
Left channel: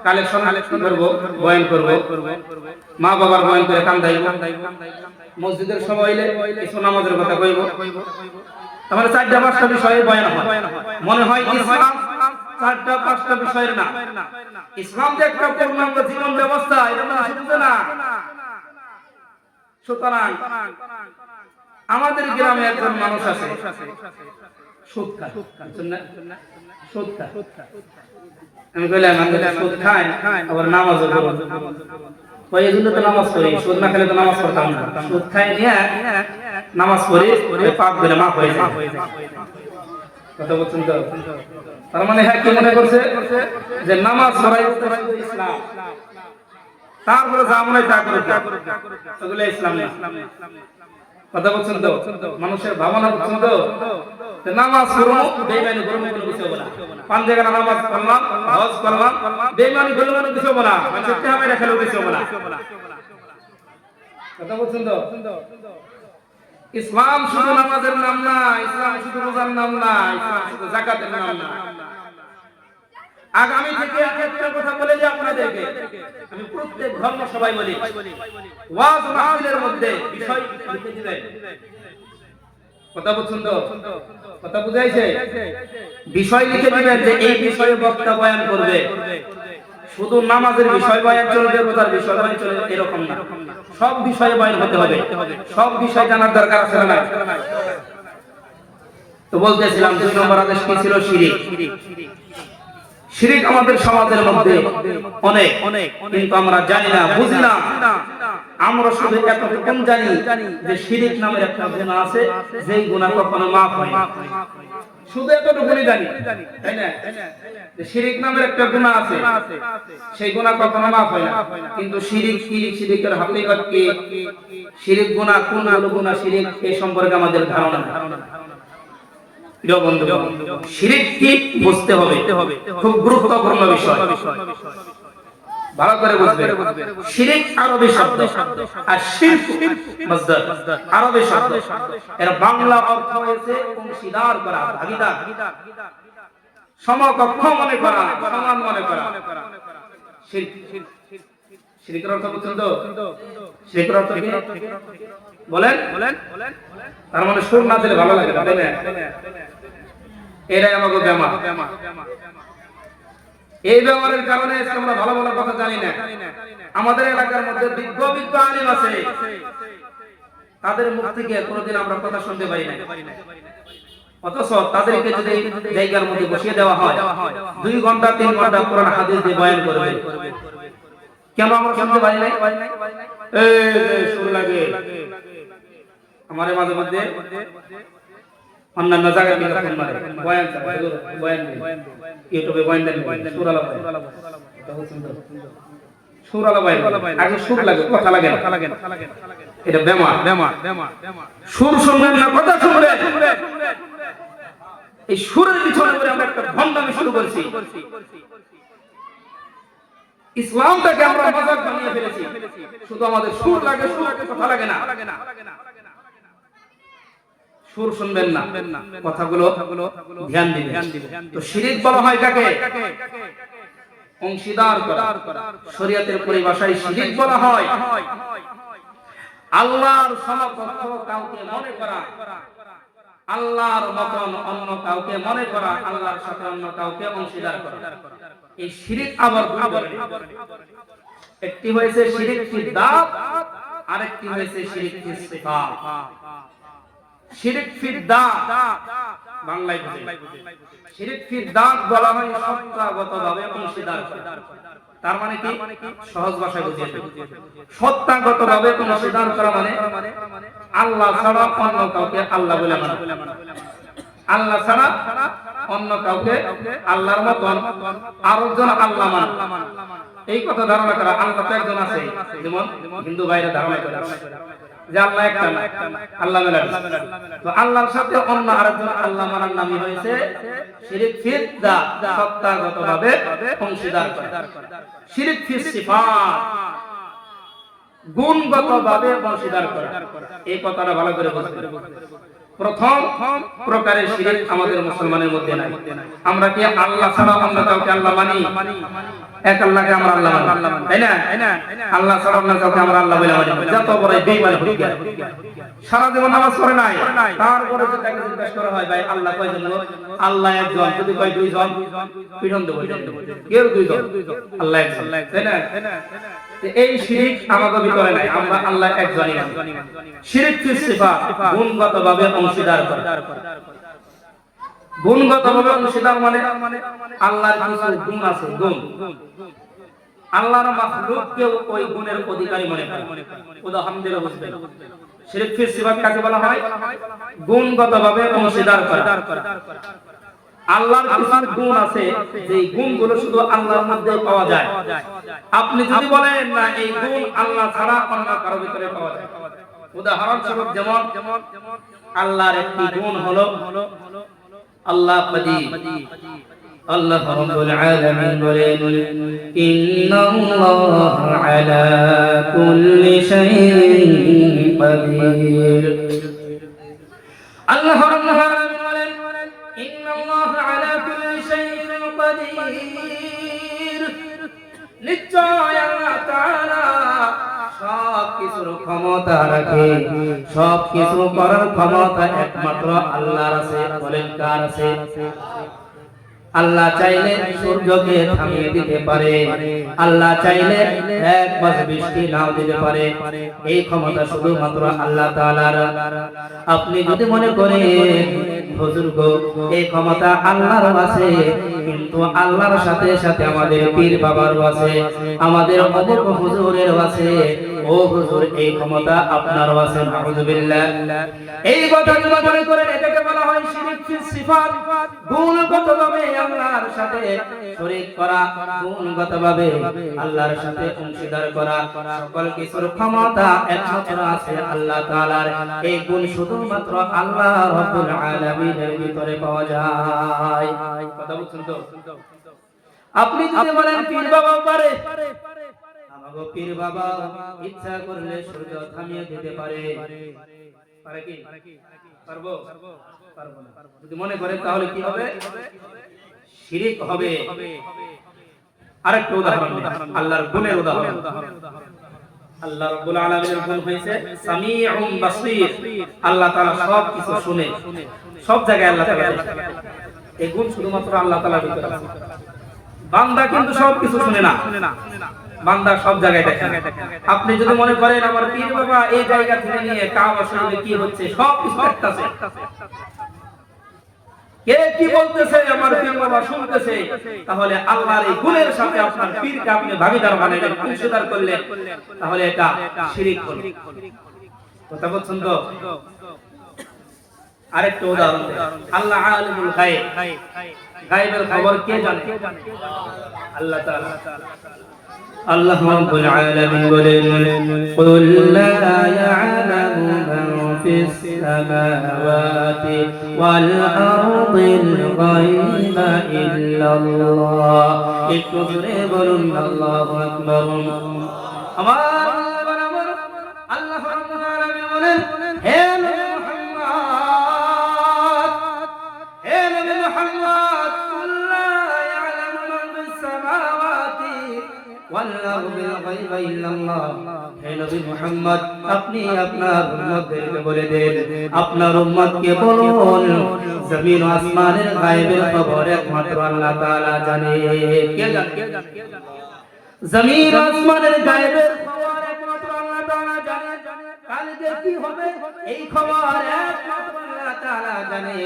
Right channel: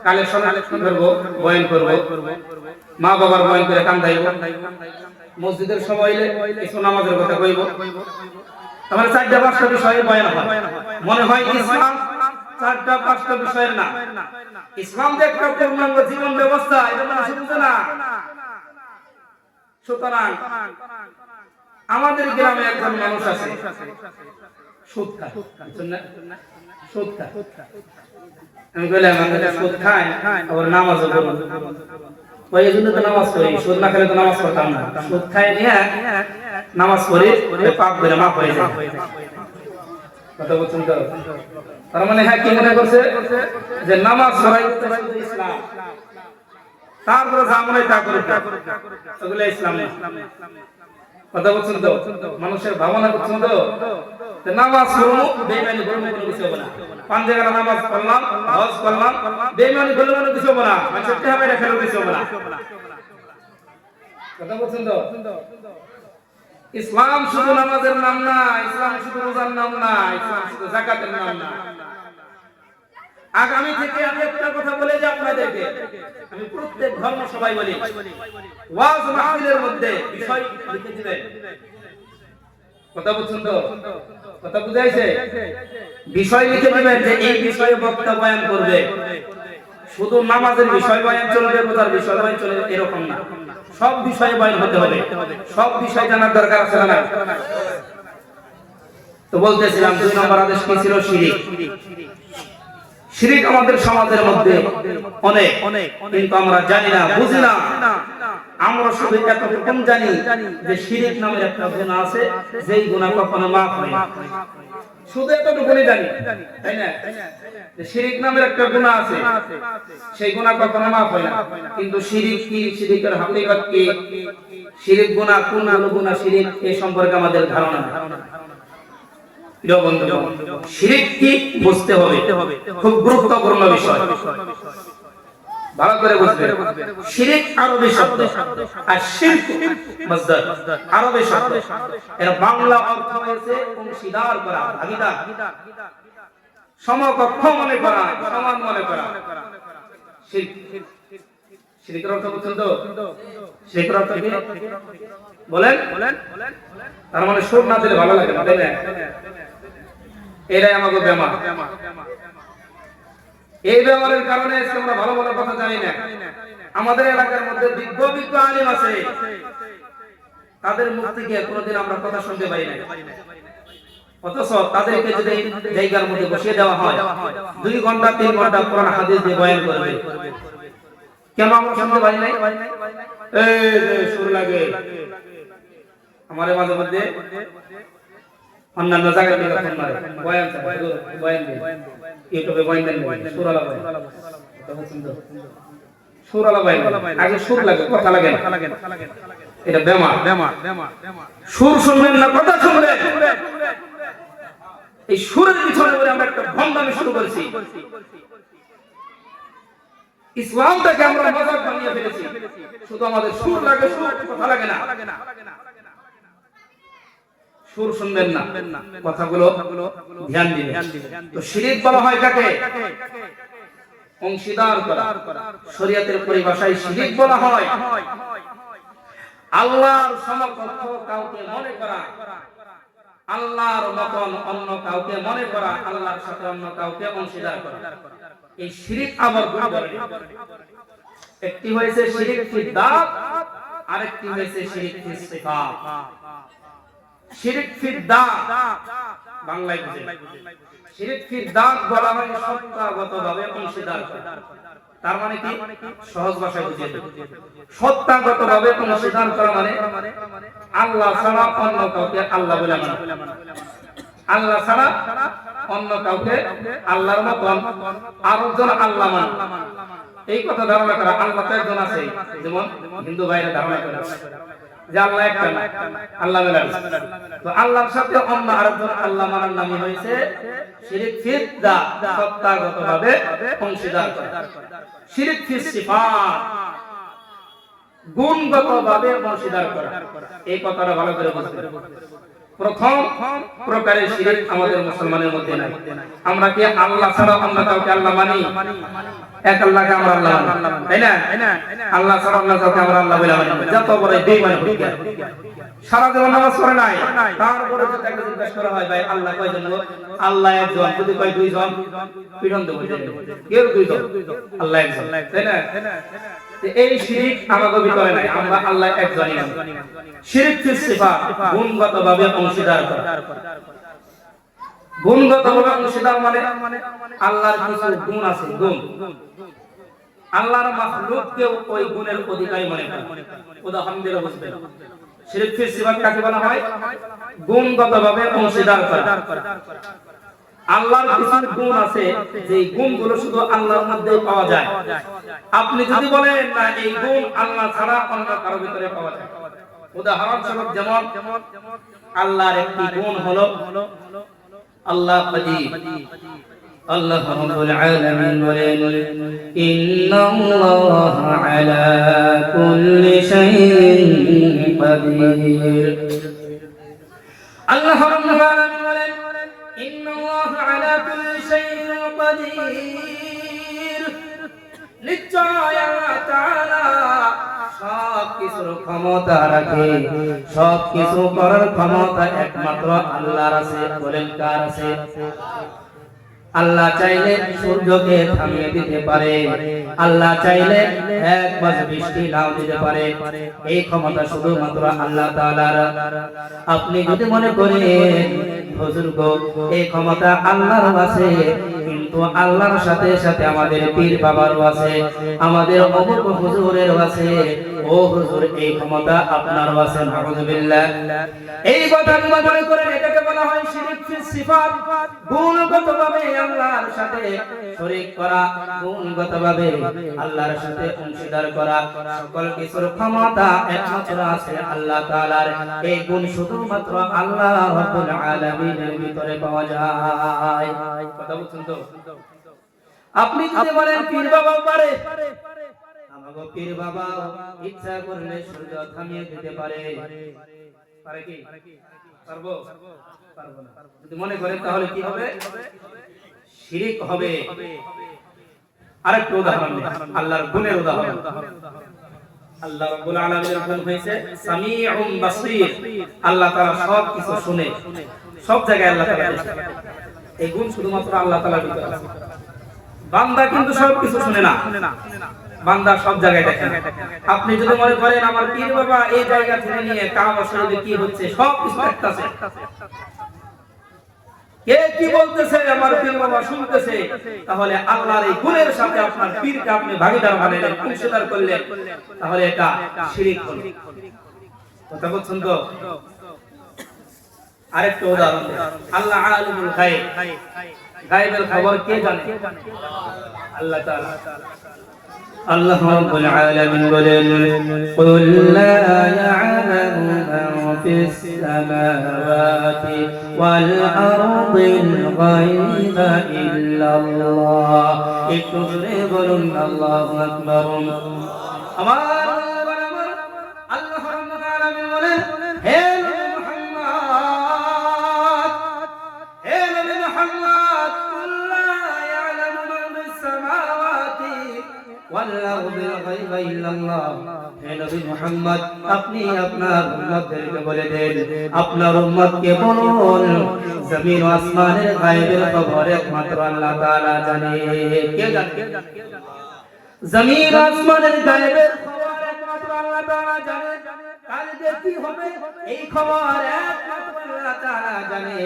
কালেকশন করব, বয়ান করব, মা বাবার বয়ান করে কান্দাইব। মসজিদের সভা হইলে কিছু নামাজের কথা কইব। আমার 4টা-5টা বিষয়ে বয়ান হয়। মনে হয় ইসলাম 4টা-5টা বিষয়ের না। ইসলাম যে একটা পূর্ণাঙ্গ জীবন ব্যবস্থা, এটা মানুষ বুঝে না। সুতরাং আমাদের গ্রামে একজন মানুষ আছে সুদ খায়, বুঝছেন না? সুদ খায়। আমি বললাম আমাদের সুদ খায় আবার নামাজও পড়ে। ওই জন্য তো নামাজ পড়ি, সুদ না খেলে তো নামাজ পড়তাম না। সুদ খায় নিয়ে নামাজ পড়ি, পাপ ধরে মাফ হয়ে যায়। কথা বলছেন তো? তার মানে হ্যাঁ কি মনে করছে যে নামাজ পড়াই শুধু ইসলাম, তারপরে যা মনে হয় তা করতে, এগুলো ইসলাম না। কথা বলছেন তো? মানুষের ভাবনা বুঝছেন তো? নামাজ পড়বো, বেঈমানি করবো, কোনো কিছু হবে না। 5 জায়গায় নামাজ পড়লাম, হজ করলাম, বেঈমানি করলে কোনো কিছু হবে না। মানুষের টেহা মেরে খেলেও কিছু হবে না। কথা বলছেন তো? ইসলাম শুধু নামাজের নাম না, ইসলাম শুধু রোজার নাম না, ইসলাম শুধু যাকাতের নাম না। আগামী থেকে আমি একটা কথা বলে যাই আপনাদেরকে, আমি প্রত্যেক ধর্ম সবাই বলি, ওয়াজ মাহফিলের মধ্যে বিষয় লিখে দিবেন। কথা বলছেন তো? কথা বুঝাইছে? বিষয় লিখে দিবেন যে এই বিষয়ে বক্তা বয়ান করবে। শুধু নামাজের বিষয় বয়ান চলবে, রোজার বিষয় বয়ান চলবে এরকম না। সব বিষয়ে বয়ান হতে হবে। সব বিষয় জানার দরকার আছে না? তো বলতেছিলাম 2 নম্বর আদেশ কি ছিল? শিরক। শিরক আমাদের সমাজের মধ্যে অনেক, কিন্তু আমরা জানি না, বুঝি না। আমরা শুধু এতটুকু জানি যে শিরক নামের একটা গুনাহ আছে, যেই গুনাহ কখনো মাফ হয় না। শুধু এতটুকুই জানি, তাই না? যে শিরক নামের একটা গুনাহ আছে, সেই গুনাহ কখনো মাফ হয় না। কিন্তু শিরক কি, শিরকের হাকিকত কি, শিরক গুনাহ কোনগুলো গুনাহ শিরক, এই সম্পর্কে আমাদের ধারণা নেই। প্রিয় বন্ধুগণ, শিরক কি বুঝতে হবে, খুব গুরুত্বপূর্ণ বিষয়। ভালো করে বুঝবেন। শিরক আরবি শব্দ, আর শিরক মাসদার, আরবি শব্দ। এর বাংলা অর্থ হয়েছে অংশীদার করা, ভাগীদার, সমকক্ষ মনে করা, সমান মনে করা। শিরক, শিরকের অর্থ বুঝছেন তো? শিরকের অর্থ কি বলেন? তার মানে সুর না দিলে ভালো লাগে না, তাই না? এটাই আমাকে বেমা। এই ব্যবহারের কারণে আজকে আমরা ভালো ভালো কথা জানি না। আমাদের এলাকার মধ্যে বিজ্ঞ বিজ্ঞ আলেম আছে, তাদের মুখ থেকে কোনোদিন আমরা কথা শুনতে পাই না। অথচ তাদেরকে যদি জায়গার মধ্যে বসিয়ে দেওয়া হয়, 2 ঘন্টা 3 ঘন্টা কোরআন হাদিস দিয়ে বয়ান করবে, কেন আমরা শুনতে পাই নাই? এই সুর লাগে আমাদের মাঝে মধ্যে, অন্যান্য জায়গায় গিয়ে ফোন মারে, বয়ান চায়, বয়ান দেয়, ইউটিউবে বয়ান দেন, সুরালা বয়ান। সুরালা বয়ান, আগে সুর লাগে, কথা লাগে না। এটা বেমা। সুর শুনবেন না, কথা শুনবেন। এই সুরের পিছনে আমরা একটা ভণ্ডামি শুরু করেছি। ইসলামটাকে আমরা মাযাক বানিয়ে ফেলেছি, শুধু আমাদের সুর লাগে, সুর কথা লাগে না, সুর শুনবেন না, কথাগুলো ধ্যান দিবেন। তো শিরক বলা হয় কাকে? অংশীদার করা। শরীয়তের পরিভাষায় শিরক বলা হয় আল্লাহর সমকক্ষ কাউকে মনে করা, আল্লাহর মতন অন্য কাউকে মনে করা, আল্লাহর সাথে অন্য কাউকে অংশীদার করা। এই শিরক আবার দুই ধরনের, একটি হয়েছে শিরক ফিদ দাত, আরেকটি হয়েছে শিরক ফিস সিফাত। শিরক ফিদ দাত বাংলায় বুঝে, শিরক ফিদ দাত বলা হয় সত্তাগতভাবে অংশীদার করা। তার মানে কি? সহজ ভাষায় বুঝিয়ে দেব, সত্তাগতভাবে অংশীদার করা মানে আল্লাহ ছাড়া অন্য কাউকে আল্লাহ বলে মানা, আল্লাহ ছাড়া অন্য কাউকে আল্লাহর মতন আরেকজন আল্লাহ মানা। এই কথা ধারণা করা, আল্লাহ তো একজন আছে, যেমন হিন্দু ভাইরা ধারণা করে যে আল্লাহ একটা না, আল্লাহ মেলাড়ি। তো আল্লাহর সাথে অন্য আরেকজন আল্লাহ মানার নামই হয়েছে শিরক ফিদ দাত, সত্তাগতভাবে অংশীদার করা। শিরক ফিস সিফাত, গুণগতভাবে অংশীদার করা। এই কথাটা ভালো করে বুঝতে হবে। প্রথম প্রকারের শিরক আমাদের মুসলমানের মধ্যে নাই। আমরা কি আল্লাহ ছাড়া অন্য কাউকে আল্লাহ মানি? এক আল্লাহকে আমরা আল্লাহ মানি, তাই না? আল্লাহ ছাড়া অন্য কাউকে আমরা আল্লাহ বলে মানি। যত বড় বেঈমান হোক, সারা জীবন নামাজ পড়ে নাই, তারপরে যদি তাকে জিজ্ঞাসা করা হয় ভাই আল্লাহ কয়জন? আল্লাহ একজন। যদি কয় দুইজন, পিটন দেব। কেউ দুইজন, আল্লাহ একজন, তাই না? এই শিরক আমাদের ভিতরে নাই, আমরা আল্লাহ একজনই মানি। শিরক ফিস সিফাত, গুণগতভাবে অংশীদার করা। গুণগতভাবে অংশীদার মানে আল্লাহর কিছু গুণ আছে, গুণ আল্লাহর মাখলুককেও ওই গুণের অধিকারী মনে করে। উদাহরণ দিলে বুঝবেন শিরক ফিস সিফাত কাকে বলা হয়? গুণগতভাবে অংশীদার করা। আল্লাহর কিছু গুণ আছে, যেই গুণগুলো শুধু আল্লাহর মধ্যেই পাওয়া যায়। আপনি যদি বলেন না এই গুণ আল্লাহ ছাড়া অন্য কারো ভিতরে পাওয়া যায়। উদাহরণস্বরূপ যেমন আল্লাহর একটি গুণ হলো আল্লাহ কাদির। আল্লাহ রাব্বুল আলামিন বলেন ইন্নাল্লাহা আলা কুল্লি শাইইন কাদির। আল্লাহ রাব্বুল আলামিন বলেন ইন্নাল্লাহা আলা কুল্লি শাইইন কাদির। নিশ্চয় আল্লাহ তাআলা সব কিছুর ক্ষমতা রাখে, সব কিছু করার ক্ষমতা একমাত্র আল্লাহর আছে। বলেন কার আছে? আল্লাহ চাইলে সূর্যকে থামিয়ে দিতে পারে, আল্লাহ চাইলে এক মাস বৃষ্টি নাও দিতে পারে। এই ক্ষমতা শুধুমাত্র আল্লাহ তাআলার। আপনি যদি মনে করেন হুজুর গো এই ক্ষমতা আল্লাহর আছে, কিন্তু আল্লাহর সাথে সাথে আমাদের পীর বাবারও আছে, আমাদের অমুক হুজুরের আছে, ও হুজুর এই ক্ষমতা আপনারও আছে। নাউযুবিল্লাহ। এই কথা যদি মনে করেন, এটাকে বলা হয় শিরক ফিস সিফাত। গুণগতভাবে আল্লাহর সাথে শরীক করা, গুণগতভাবে আল্লাহর সাথে অংশীদার করা। সকল কিছুর ক্ষমতা একমাত্র আছে আল্লাহ তাআলার। এই গুণ শুধুমাত্র আল্লাহ রাব্বুল আলামিনের ভিতরে পাওয়া যায়। কথা বুঝছেন তো? আপনি যদি বলেন পীর বাবাও পারে, আমাগো পীর বাবা ইচ্ছা করলে সূর্য থামিয়ে দিতে পারে। পারে কি? পারবো? পারবো না। যদি মনে করেন তাহলে কি হবে? শিরক হবে। আরেকটা উদাহরণ দেন, আল্লাহর গুণের উদাহরণ। আল্লাহ রাব্বুল আলামিনের গুণ হয়েছে সামিউন বাসীর। আল্লাহ তাআলা সব কিছু শুনে, সব জায়গায় আল্লাহ তাআলা দেখে। এই গুণ শুধুমাত্র আল্লাহ তাআলার ভিতরে আছে। বান্দা কিন্তু সব কিছু শুনে না, বান্দা সব জায়গায় দেখে না। আপনি যদি মনে করেন আমার পীর বাবা এই জায়গা থেকে নিয়ে কাবা শরীফে কি হচ্ছে সব কিছু দেখতেছে, কে কি বলতেছে আমার পীর বাবা শুনতেছে, তাহলে আল্লাহর এই গুণের সাথে আপনার পীরকে আপনি ভাগীদার বানাইলেন, অংশীদার করলেন, তাহলে এটা শিরক হলো। কথা বলছেন তো? আরেকটা উদাহরণ দেন, আল্লাহ আলিমুল গায়ব। গায়বের খবর কে জানে? আল্লাহ তাআলা। আল্লাহ রাব্বুল আলামিন বলেন কুল লা ইয়ালামু মান ফিস সামাওয়াতি ওয়াল আরদিল গায়বা ইল্লাল্লাহ একটু জোরে বলুন আল্লাহু আকবার। আমার আল্লাহ রাব্বুল আলামিন বলেন, হে নবী মুহাম্মদ, হে নবী মুহাম্মদ, কুল লা ইয়ালামু মান ফিস সামাওয়াতি ওয়াল আরদিল গায়বা ইল্লাল্লাহ। হে নবী মুহাম্মদ, আপনি আপনার উম্মতদেরকে বলে দেন, আপনার উম্মতকে বলুন, জমিন ও আসমানের গায়বের খবর একমাত্র আল্লাহ তাআলা জানে। কে জানে? জমিন ও আসমানের গায়বের খবর একমাত্র আল্লাহ তাআলা জানে। কালকে কি হবে এই খবর একমাত্র আল্লাহ তাআলা জানে।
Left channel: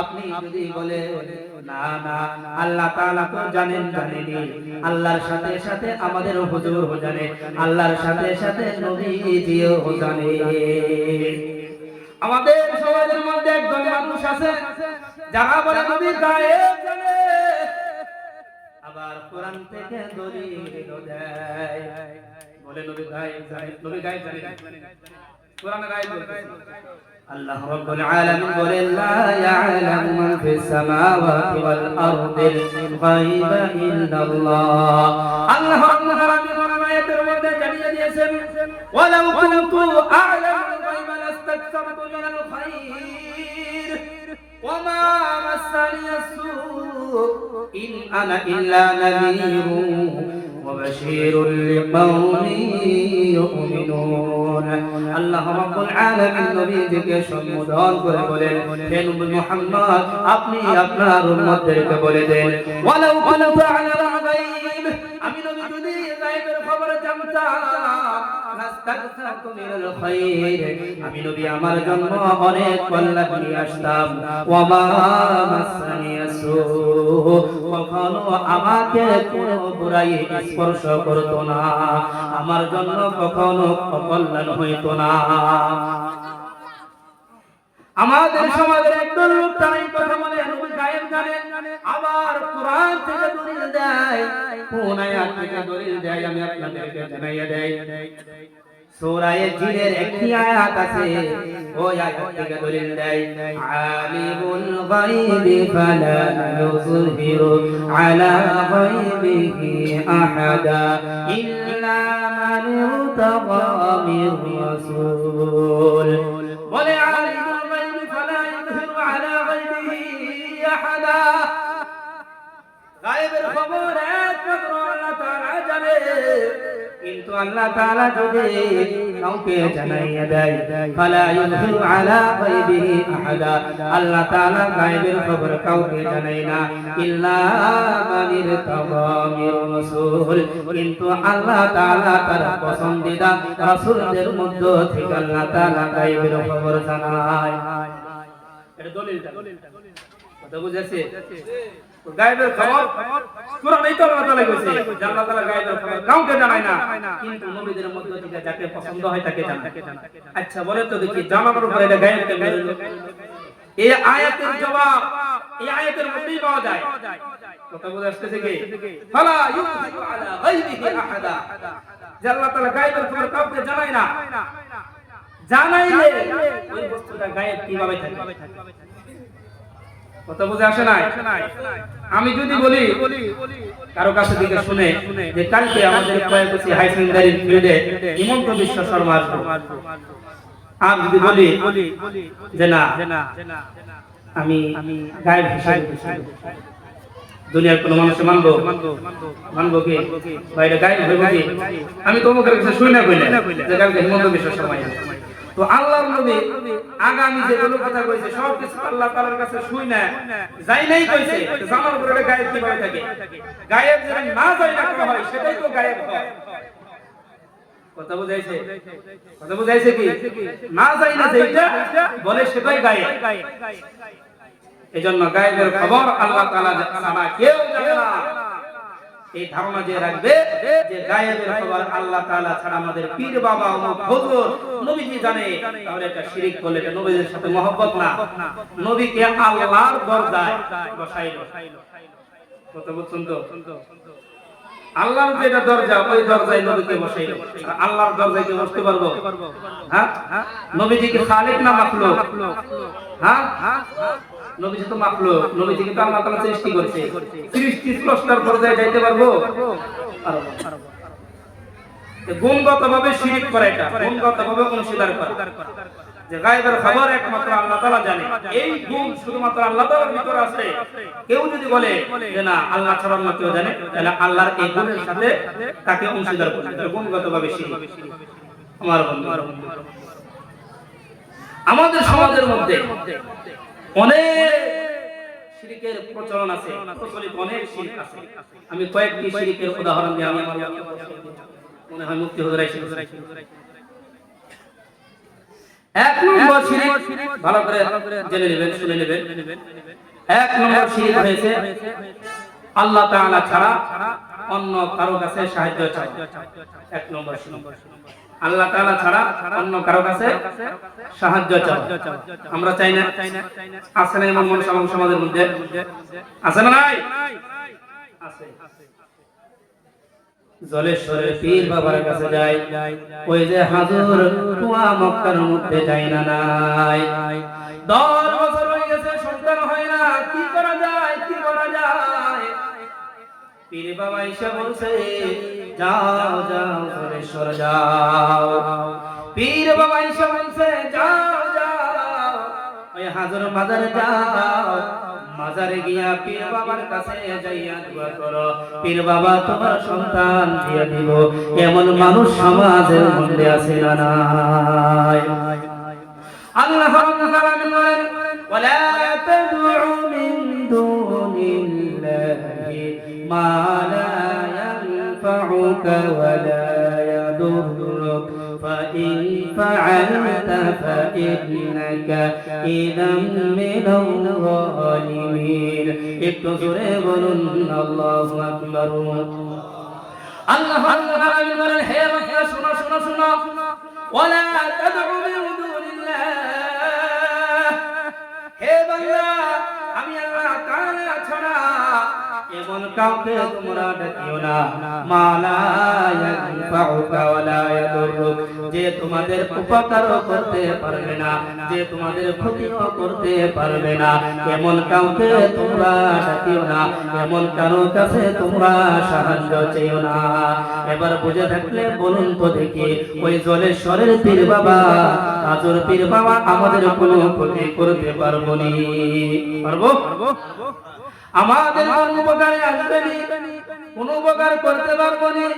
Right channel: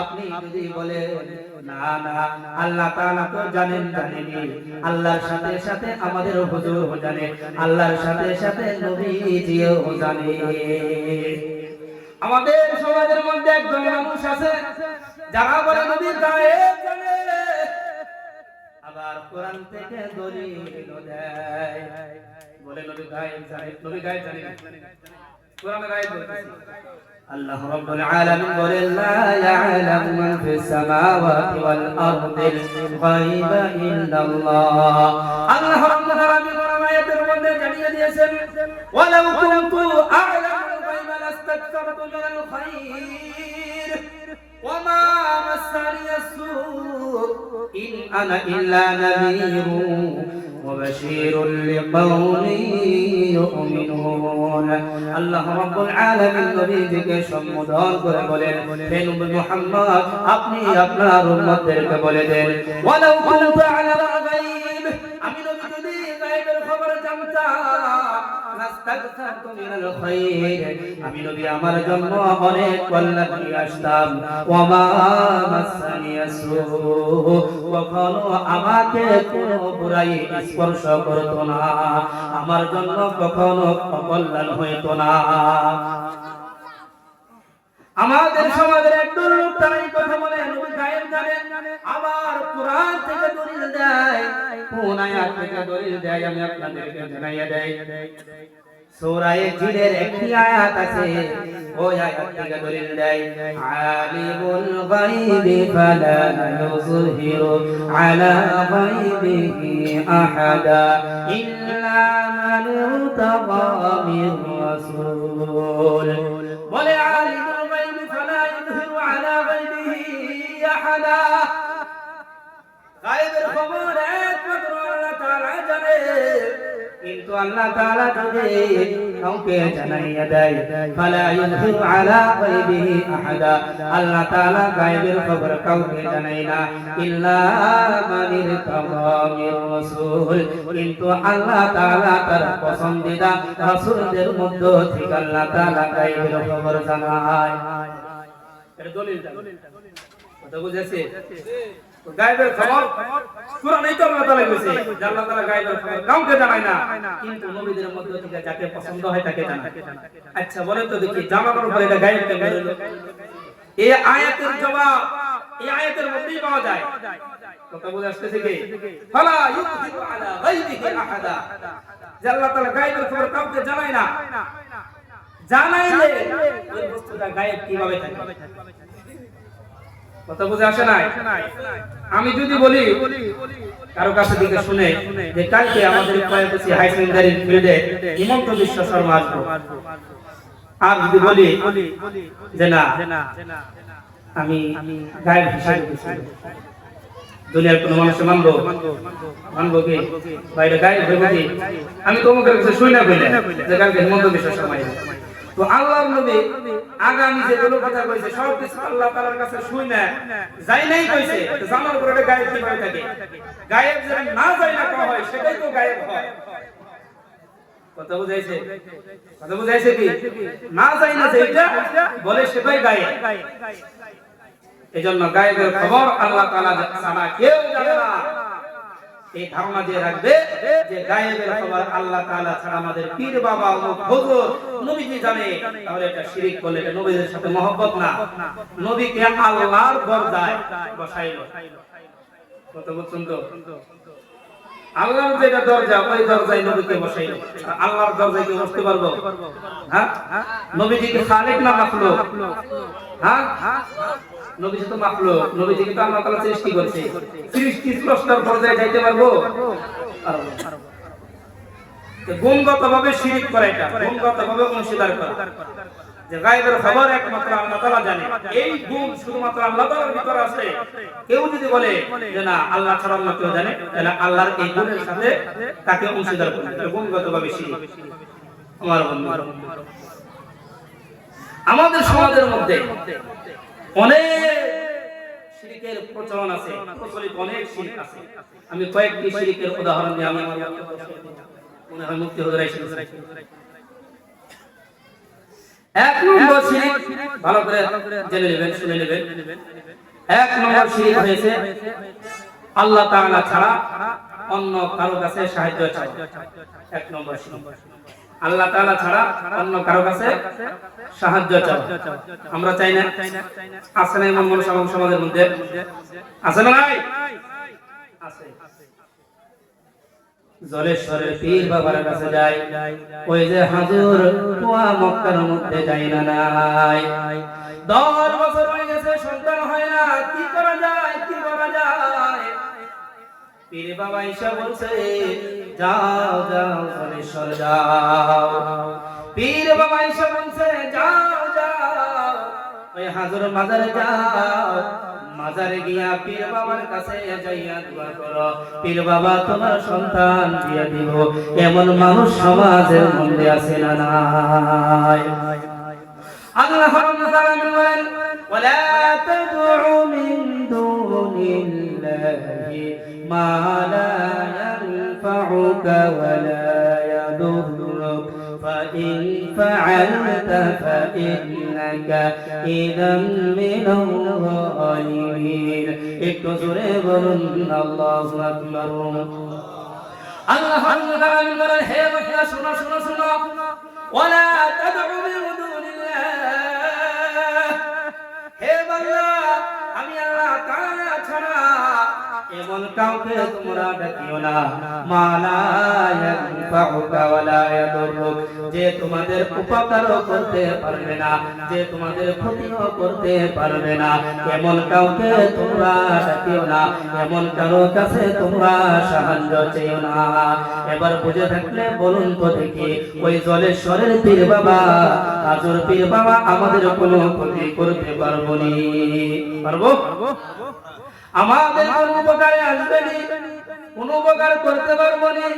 আপনি যদি বলেন না না আল্লাহ তাআলা তো জানেন, জানেনি, আল্লাহর সাথে সাথে আমাদের হুজুর জানে, আল্লাহর সাথে সাথে নবীজিও জানে। আমাদের সমাজের মধ্যে একজন মানুষ আছে যারা বলে নবী গায়েব জানে, আবার কোরআন থেকে দলিল দেয়, বলে নবী গায়েব জানে। নবী গায়েব জানে না, কোরআনে গায়েব বলতেছে। আল্লাহ রাব্বুল আলামিন বলেন, লা ইয়ালামু মান ফিস সামাওয়াতি ওয়াল আরদিল গায়বা ইল্লাল্লাহ। আল্লাহ রাব্বুল আলামিন আয়াতের মধ্যে জানিয়ে দিয়েছেন, ওয়ালাউ কুনতু আ'লামুল গায়বা লাস্তাকতারতু মিনাল খায়র ওয়া মা মাসানিয়াস সূ ইন আনা ইল্লা নাযীরুন ওয়া বাশীরুন লিকাওমিন ইউমিনুন। আল্লাহ রাব্বুল আলামিন নবীজিকে সম্বোধন করে বলেন, হে নবী মুহাম্মদ, আপনি আপনার উম্মতদেরকে বলে দেন, ওয়ালাউ কুনতু আ'লামুল গায়ব, আমি নবী যদি গায়বের খবর জানতাম, লাস্তাকতারতু মিনাল খায়র, আমি নবী আমার জন্য অনেক কল্যাণ নিয়ে আসতাম, ওয়া মা মাসানিয়াস সূ, কখনো আমাকে কোনো বুরাই স্পর্শ করতো না, আমার জন্য কখনো অকল্যাণ হইতো না। আমাদের সমাজের একদল লোক তাই কথা বলে নবী গায়েব জানে, আবার কোরআন থেকে দলিল দেয়, কোন আয়াত থেকে দলিল দেয় আমি আপনাদেরকে জানাইয়া দেই। সূরা জিনের একটি আয়াত আছে, ওই আয়াত থেকে দলিল দেয়, আলিমুল গায়বি ফালা ইউযহিরু আলা গায়বিহি আহাদা ইল্লা মান ইরতাদা মির রাসূল। বলে আলিমুল গায়বি ফালা ইউযহিরু আলা গায়বিহি আহাদা, গায়বের খবর একমাত্র আল্লাহ তাআলা জানে, কিন্তু আল্লাহ তাআলা যদি কাউকে জানাইয়া দেয়, ফালা ইউযহিরু আলা গায়বিহি আহাদা, আল্লাহ তাআলা গায়বের খবর কাউকে জানায় না, ইল্লা মান ইরতাদা মির রাসূল, কিন্তু আল্লাহ তাআলা তার পছন্দিদা রাসূলদের মধ্য থেকে আল্লাহ তাআলা গায়বের খবর জানায়। এটা দলিল, কথা বুঝেছে? গায়বের খবর কোরআনেই তো আল্লাহ তাআলা কইছে, আল্লাহ তাআলা গায়বের খবর কাউকে জানায় না, কিন্তু নবীদের মধ্য থেকে যাকে পছন্দ হয় তাকে জানায়। আচ্ছা বলেন তো দেখি, জানানোর পরে এটা গায়ব কেমনে হলো? এই আয়াতের জবাব এই আয়াতের মধ্যেই পাওয়া যায়। কথা বুঝে আসতেছে কি? ফালা ইউযহিরু আলা গায়বিহি আহাদা, যে আল্লাহ তাআলা গায়বের খবর কাউকে জানায় না, জানাইলে ওই বস্তুটা গায়ব কিভাবে থাকে? কথা বুঝে আসে নাই? আমি যদি বলি কারো কাছে দিকে শুনে যে কালকে আমাদের কয়েকটি হাই সেকেন্ডারি ফিল্ডে হিমন্ত বিশ্ব শর্মা আসবে, আর যদি বলি যে না আমি গায়ব হিসেবে দুনিয়ার কোন মানুষ মানবো কি বাইরে গায়ব হইব কি? আমি তোমাকে কাছে শুই না বলে যে কালকে হিমন্ত বিশ্ব শর্মা আসবে। তো আল্লাহর নবী আগামী যেগুলো কথা কইছে সব কিছু আল্লাহ তাআলার কাছে শুই না যাই নাই কইছে, তো জানার উপরে এটা গায়েব কিভাবে থাকে? গায়েব যেটা না যাইলে করা হয় সেটাই তো গায়েব হয়। কথা বুঝাইছে? কথা বুঝাইছে কি? না যাইলে যেটা বলে সেটাই গায়েব। এজন্য গায়েবের খবর আল্লাহ তাআলা ছাড়া কেউ জানে না। এই ধারণা দিয়ে রাখবে যে গায়েবের খবর আল্লাহ তাআলা ছাড়া আমাদের পীর বাবা অমুক হুজুর নবীজি জানে, তাহলে এটা শিরক বলে, এটা নবীদের সাথে মহব্বত না, নবীকে আল্লাহর দরজায় বসাইলো। কত বুঝছেন তো? আল্লাহর যেটা দরজা ওই দরজায় নবীকে বসাইলো। আল্লাহর দরজায় কি বসতে পারবো? হ্যাঁ, নবীজি কি খালিক না মাখলুক? হ্যাঁ, নবীজি তো মাখলুক, নবীজিকে তো আল্লাহ তাআলা সৃষ্টি করেছে। সৃষ্টি স্রষ্টার দরজায় যাইতে পারবো? পারবো না। গুণগতভাবে শিরিক করে, এটা গুণগতভাবে অংশীদার করা, যে গায়েবের খবর একমাত্র আল্লাহ তাআলা জানে, এই গুণ শুধুমাত্র আল্লাহ তাআলার ভিতরে আছে। কেউ যদি বলে যে না আল্লাহ ছাড়া অন্য কেউ জানে, তাহলে আল্লাহর এই গুণের সাথে তাকে অংশীদার করে, এটা গুণগতভাবে শিরিক। আমার বন্ধু, আমাদের সমাজের মধ্যে অনেক শিরিকের প্রচলন আছে, প্রচলিত অনেক শিরিক আছে। আমি কয়েকটি শিরিকের উদাহরণ দিয়ে আমি আমার মনে হয় মুক্তি হুজুর আইছেন। এক নম্বর শিরিক, ভালো করে জেনে নেবেন, শুনে নেবেন। এক নম্বর শিরিক হয়েছে আল্লাহ তাআলা ছাড়া অন্য কারো কাছে সাহায্য চাওয়া। এক নম্বর শিরিক, আল্লাহ তাআলা ছাড়া অন্য কারো কাছে সাহায্য চাওয়া। আমরা চাই না? আছে না এমন মানুষ আমাদের সমাজের মধ্যে? আছে না নাই? আছে। জলেশ্বরের পীর বাবার কাছে যায়, ওই যে হাজুর কুয়া মক্কার মধ্যে যায় না নাই? 10 বছর হয়ে গেছে, সন্তান হয় না, কি করা যায়, কি করা যায়? পীর বাবা এসে বলছে যাও যাও জলেশ্বর যাও। পীর বাবা এসে বলছে যাও যাও ওই হাজুর মাজারে যাও, মাজারে গিয়া পীর বাবার কাছে যাইয়া দোয়া করো, পীর বাবা তোমার সন্তান দিয়ে দিব। এমন মানুষ সমাজের মধ্যে আছে না নাই? আল্লাহ রাব্বুল আলামিন বলেন ওয়ালা তাদউ মিন দুনিল্লাহি মা লা ইয়ানফাউকা ওয়ালা ইয়াদুররুক فإن فعلت فإنك إذا من الظالمين। একটু জোরে বলুন আল্লাহু আকবার। আল্লাহ রাব্বুল আলামিন বলেন হে বান্দা শুনো শুনো শুনো, ওয়ালা তাদউ মিন দুনিল্লাহ, হে বান্দা আমি আল্লাহ তাআলা ছাড়া এমন কাউকে তোমরা ডাকিও না, মালা ইয়ানফাউকা ওয়ালা ইয়াদুররুক, যে তোমাদের উপকারও করতে পারবে না, যে তোমাদের ক্ষতিও করতে পারবে না। এমন কাউকে তোমরা ডাকিও না, এমন কারো কাছে তোমরা সাহায্য চেয়েও না। এবার বুঝে থাকলে বলুন তো দেখি, ওই জলেশ্বরের পীর বাবা, হাজুর পীর বাবা আমাদের কোনো ক্ষতি করতে পারবো নি? পারবো? আমাদের কোন উপকারে আসবে নি? কোন উপকার করতে পারবো নি?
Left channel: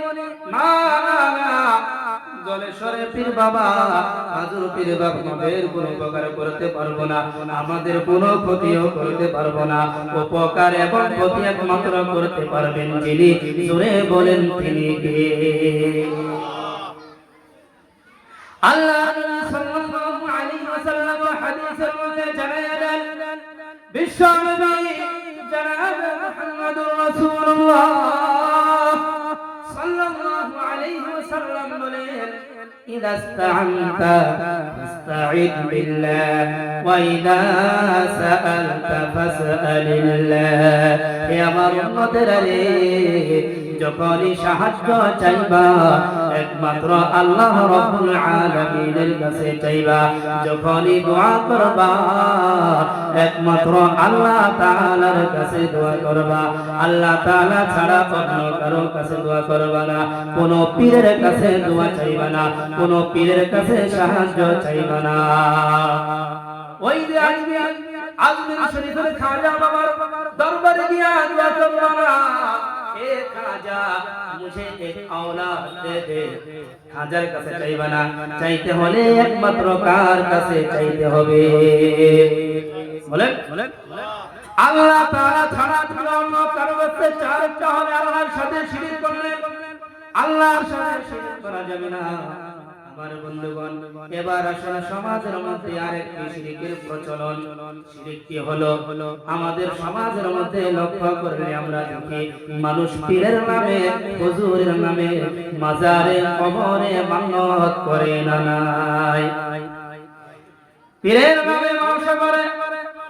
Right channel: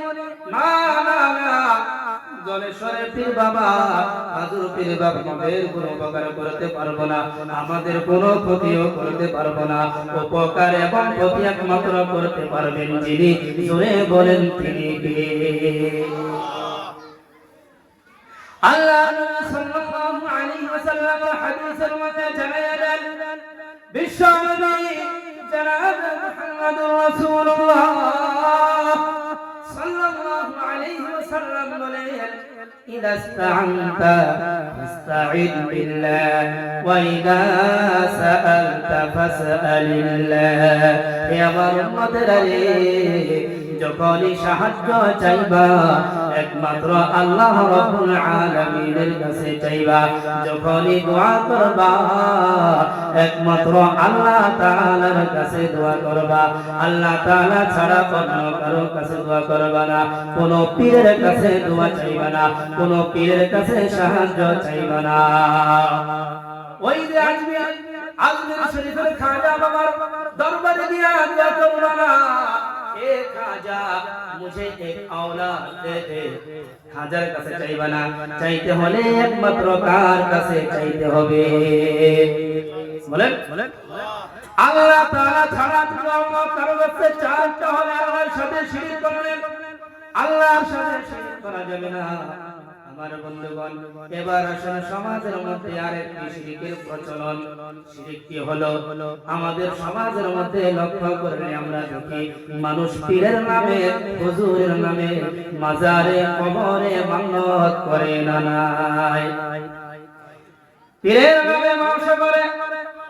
না না না, জলেশ্বরের পীর বাবা, হাজুর পীর বাবা আমাদের কোন উপকার করতে পারবো না, আমাদের কোন ক্ষতিও করতে পারবো না। উপকার এবং ক্ষতি একমাত্র করতে পারবেন যিনি, জোরে বলেন তিনি কে? আল্লাহ সাল্লাল্লাহু আলাইহি ওয়াসাল্লাম হাদিসের মধ্যে জানায়া দেন, বিশ্বনবী জনাব মুহাম্মদুর রাসূলুল্লাহ সাল্লাল্লাহু আলাইহি ওয়াসাল্লাম বলেন ইদা ইসতাআনতা ফাস্তাঈদ বিল্লাহ ওয়া ইদা সাআলতা ফাসআলিল্লাহ। হে আমার উম্মতেরা রে, যখনই সাহায্য চাইবা একমাত্র আল্লাহ রাব্বুল আলামিনের কাছে চাইবা, যখনই দোয়া করবা একমাত্র আল্লাহ তাআলার কাছে দোয়া করবা। আল্লাহ তাআলা ছাড়া অন্য কারো কাছে দোয়া করবা না, কোন পীরের কাছে দোয়া চাইবা না, কোন পীরের কাছে সাহায্য চাইবা না। ওই যে আজমির শরীফের খাজা বাবার দরবারে গিয়া দোয়া করবা না, এ খাজা মুঝে এক औलाद দে দে। খাজার কাছে চাইবা না, চাইতে হলে একমাত্র কার কাছে চাইতে হবে? বলেন আল্লাহ তাআলা ছাড়া অন্য কারো কাছে চাইতে হবে। আল্লাহর সাথে শিরক করলে আল্লাহর সাথে শিরক করা যাবে না। আমার বন্ধুগণ, এবার আসলে সমাজের মধ্যে আরেকটি শিরকের প্রচলন। শিরকটি হলো আমাদের সমাজের মধ্যে লক্ষ্য করলে আমরা দেখি মানুষ পীরের নামে, হুজুরের নামে, মাজারে, কবরে মানত করে না নাই? পীরের নামে ব্যবসা করে,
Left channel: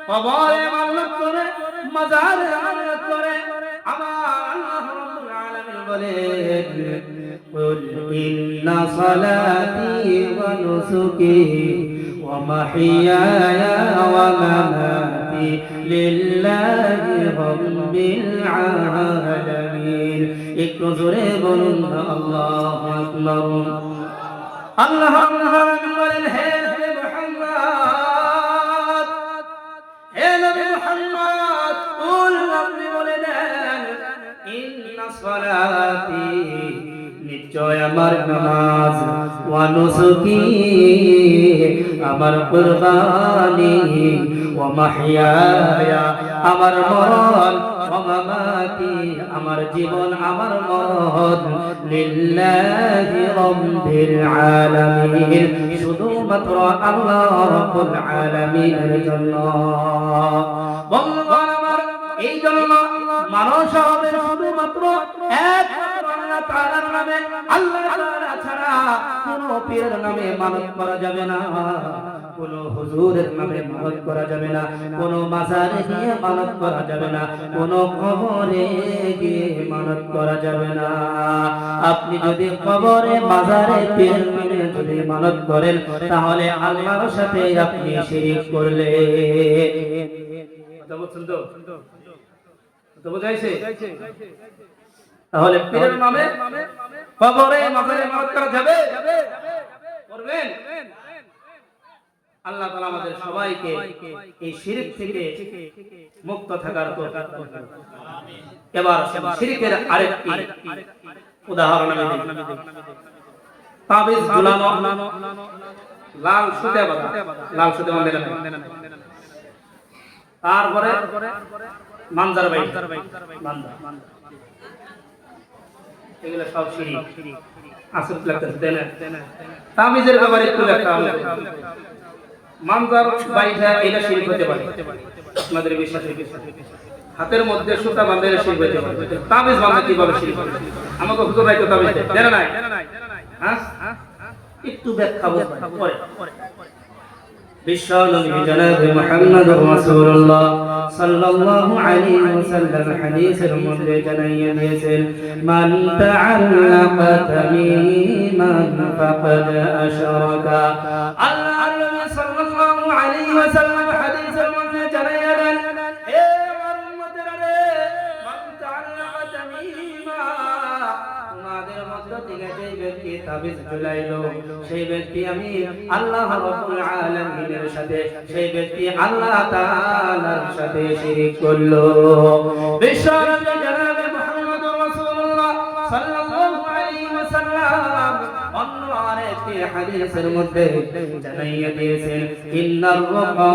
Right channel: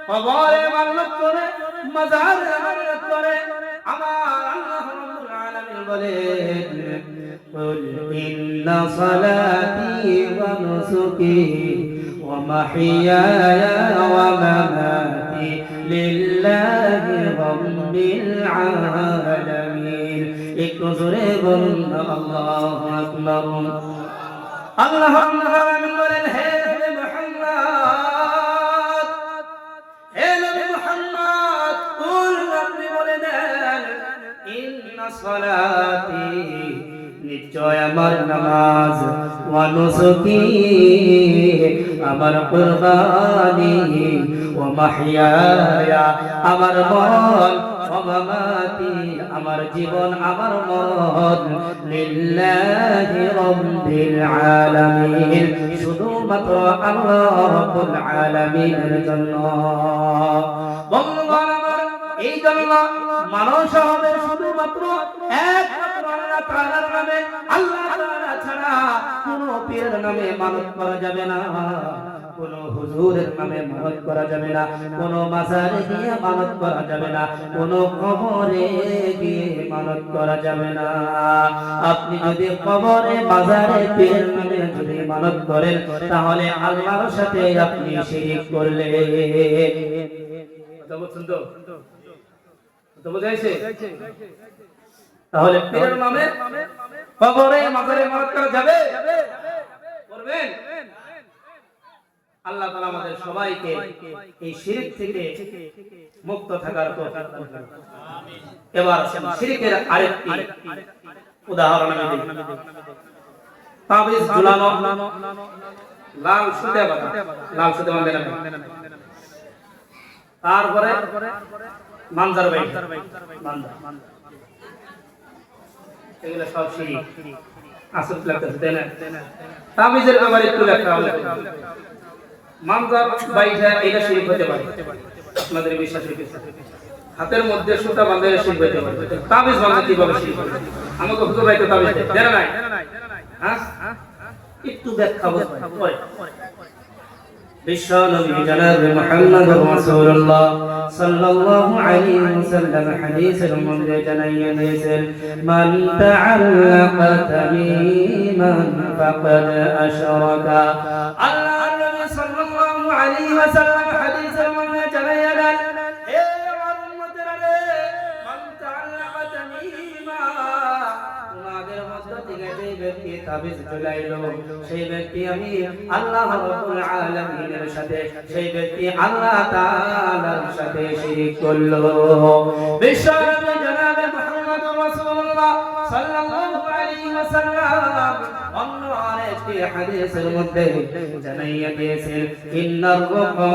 কবরে মানত করে, মাজারে মানত করে। আমার আল্লাহ রাব্বুল আলামিন বলেন কুল ইন্না সালাতি ওয়া নুসুকি ওয়া মাহইয়ায়া ওয়া মামাতি লিল্লাহি রাব্বিল আলামিন। একটু জোরে বলুন আল্লাহু আকবার। আল্লাহ রাব্বুল আলামিন বলেন হে নবী মুহাম্মদ, হে নবী মুহাম্মদ, কুল আপনি বলে দেন ইন্না সালাতি নিশ্চয় আমার নামাজ, ওয়া নুসুকি আমার কুরবানি, ওয়া মাহইয়ায়া আমার মরণ, ওয়া মামাতি আমার জীবন আমার মরণ, লিল্লাহি রাব্বিল আলামিন শুধুমাত্র আল্লাহ রাব্বুল আলামিনের জন্য। বন্ধুগণ আমার, এই জন্য মানুষ হবে শুধুমাত্র একমাত্র আল্লাহ তাআলার নামে, আল্লাহ তাআলা ছাড়া কোনো পীরের নামে মানত করা যাবে না, কোন হুজুরের নামে মানত করা যাবে না, কোন মাজারে গিয়ে মানত করা যাবে না, কোন কবরে গিয়ে মানত করা যাবে না। আপনি যদি কবরে মাজারে পীরের নামে যদি মানত করেন তাহলে আল্লাহর সাথে আপনি শিরক করলেন। কথা বলছেন তো? কথা বুঝাইছে? তাহলে পীরের নামে কবরে মাজারে মানত করা যাবে? করবেন? আল্লাহ তাআলা আমাদের সবাইকে এই শিরক থেকে মুক্ত থাকার তৌফিক দান করুন। আমিন। এবার শিরকের আরেকটি উদাহরণ আমি দিই। তাবিজ ঝুলানো, লাল সুতা বাঁধা, লাল সুতা বাঁধা না, তারপরে মানজার বাই বান্দা, এগুলো সব শিরক। আসল লাগতেছে তাই না? তাবিজের ব্যাপারে একটু ব্যাখ্যা আমরা করি। মানজার বাইটা এটা শিরক হতে পারে, আপনাদের বিশ্বাসের বিষয়। হাতের মধ্যে সুতা বাঁধে শিরক হতে পারে। তাবিজ বাঁধে কিভাবে শিরক হবে? আমাকে হুজুর ভাই তো তাবিজ দেয়, জানা নাই? হ্যাঁ, একটু ব্যাখ্যা বলতে পরে। বিশ্ব নবী জনাব মুহাম্মদুর রাসূলুল্লাহ সাল্লাল্লাহু আলাইহি ওয়াসাল্লাম হাদিসের মধ্যে জানাইয়া দিয়েছেন, মান তাআল্লাকা তামিমান ফাকাদ আশরাকা। আল্লাহর নবী সাল্লাল্লাহু আলাইহি ওয়াসাল্লাম হাদিসের মধ্যে জানাইয়া দেন, হে আমার উম্মতেরা রে, মান তাআল্লাকা তামিমা, তোমাদের মধ্য থেকে যে ব্যক্তি তাবিজ ঝুলাইলো সেই ব্যক্তি আমি আল্লাহ রাব্বুল আলামিনের সাথে, সেই ব্যক্তি আল্লাহ তাআলার সাথে শিরক করলো। বিশ্বনবী জনাব মুহাম্মদুর রাসূলুল্লাহ সাল্লাল্লাহু আলাইহি ওয়াসাল্লাম অন্য আরেকটি হাদিসের মধ্যে জানাইয়া দিয়েছেন, ইন্নার রুকা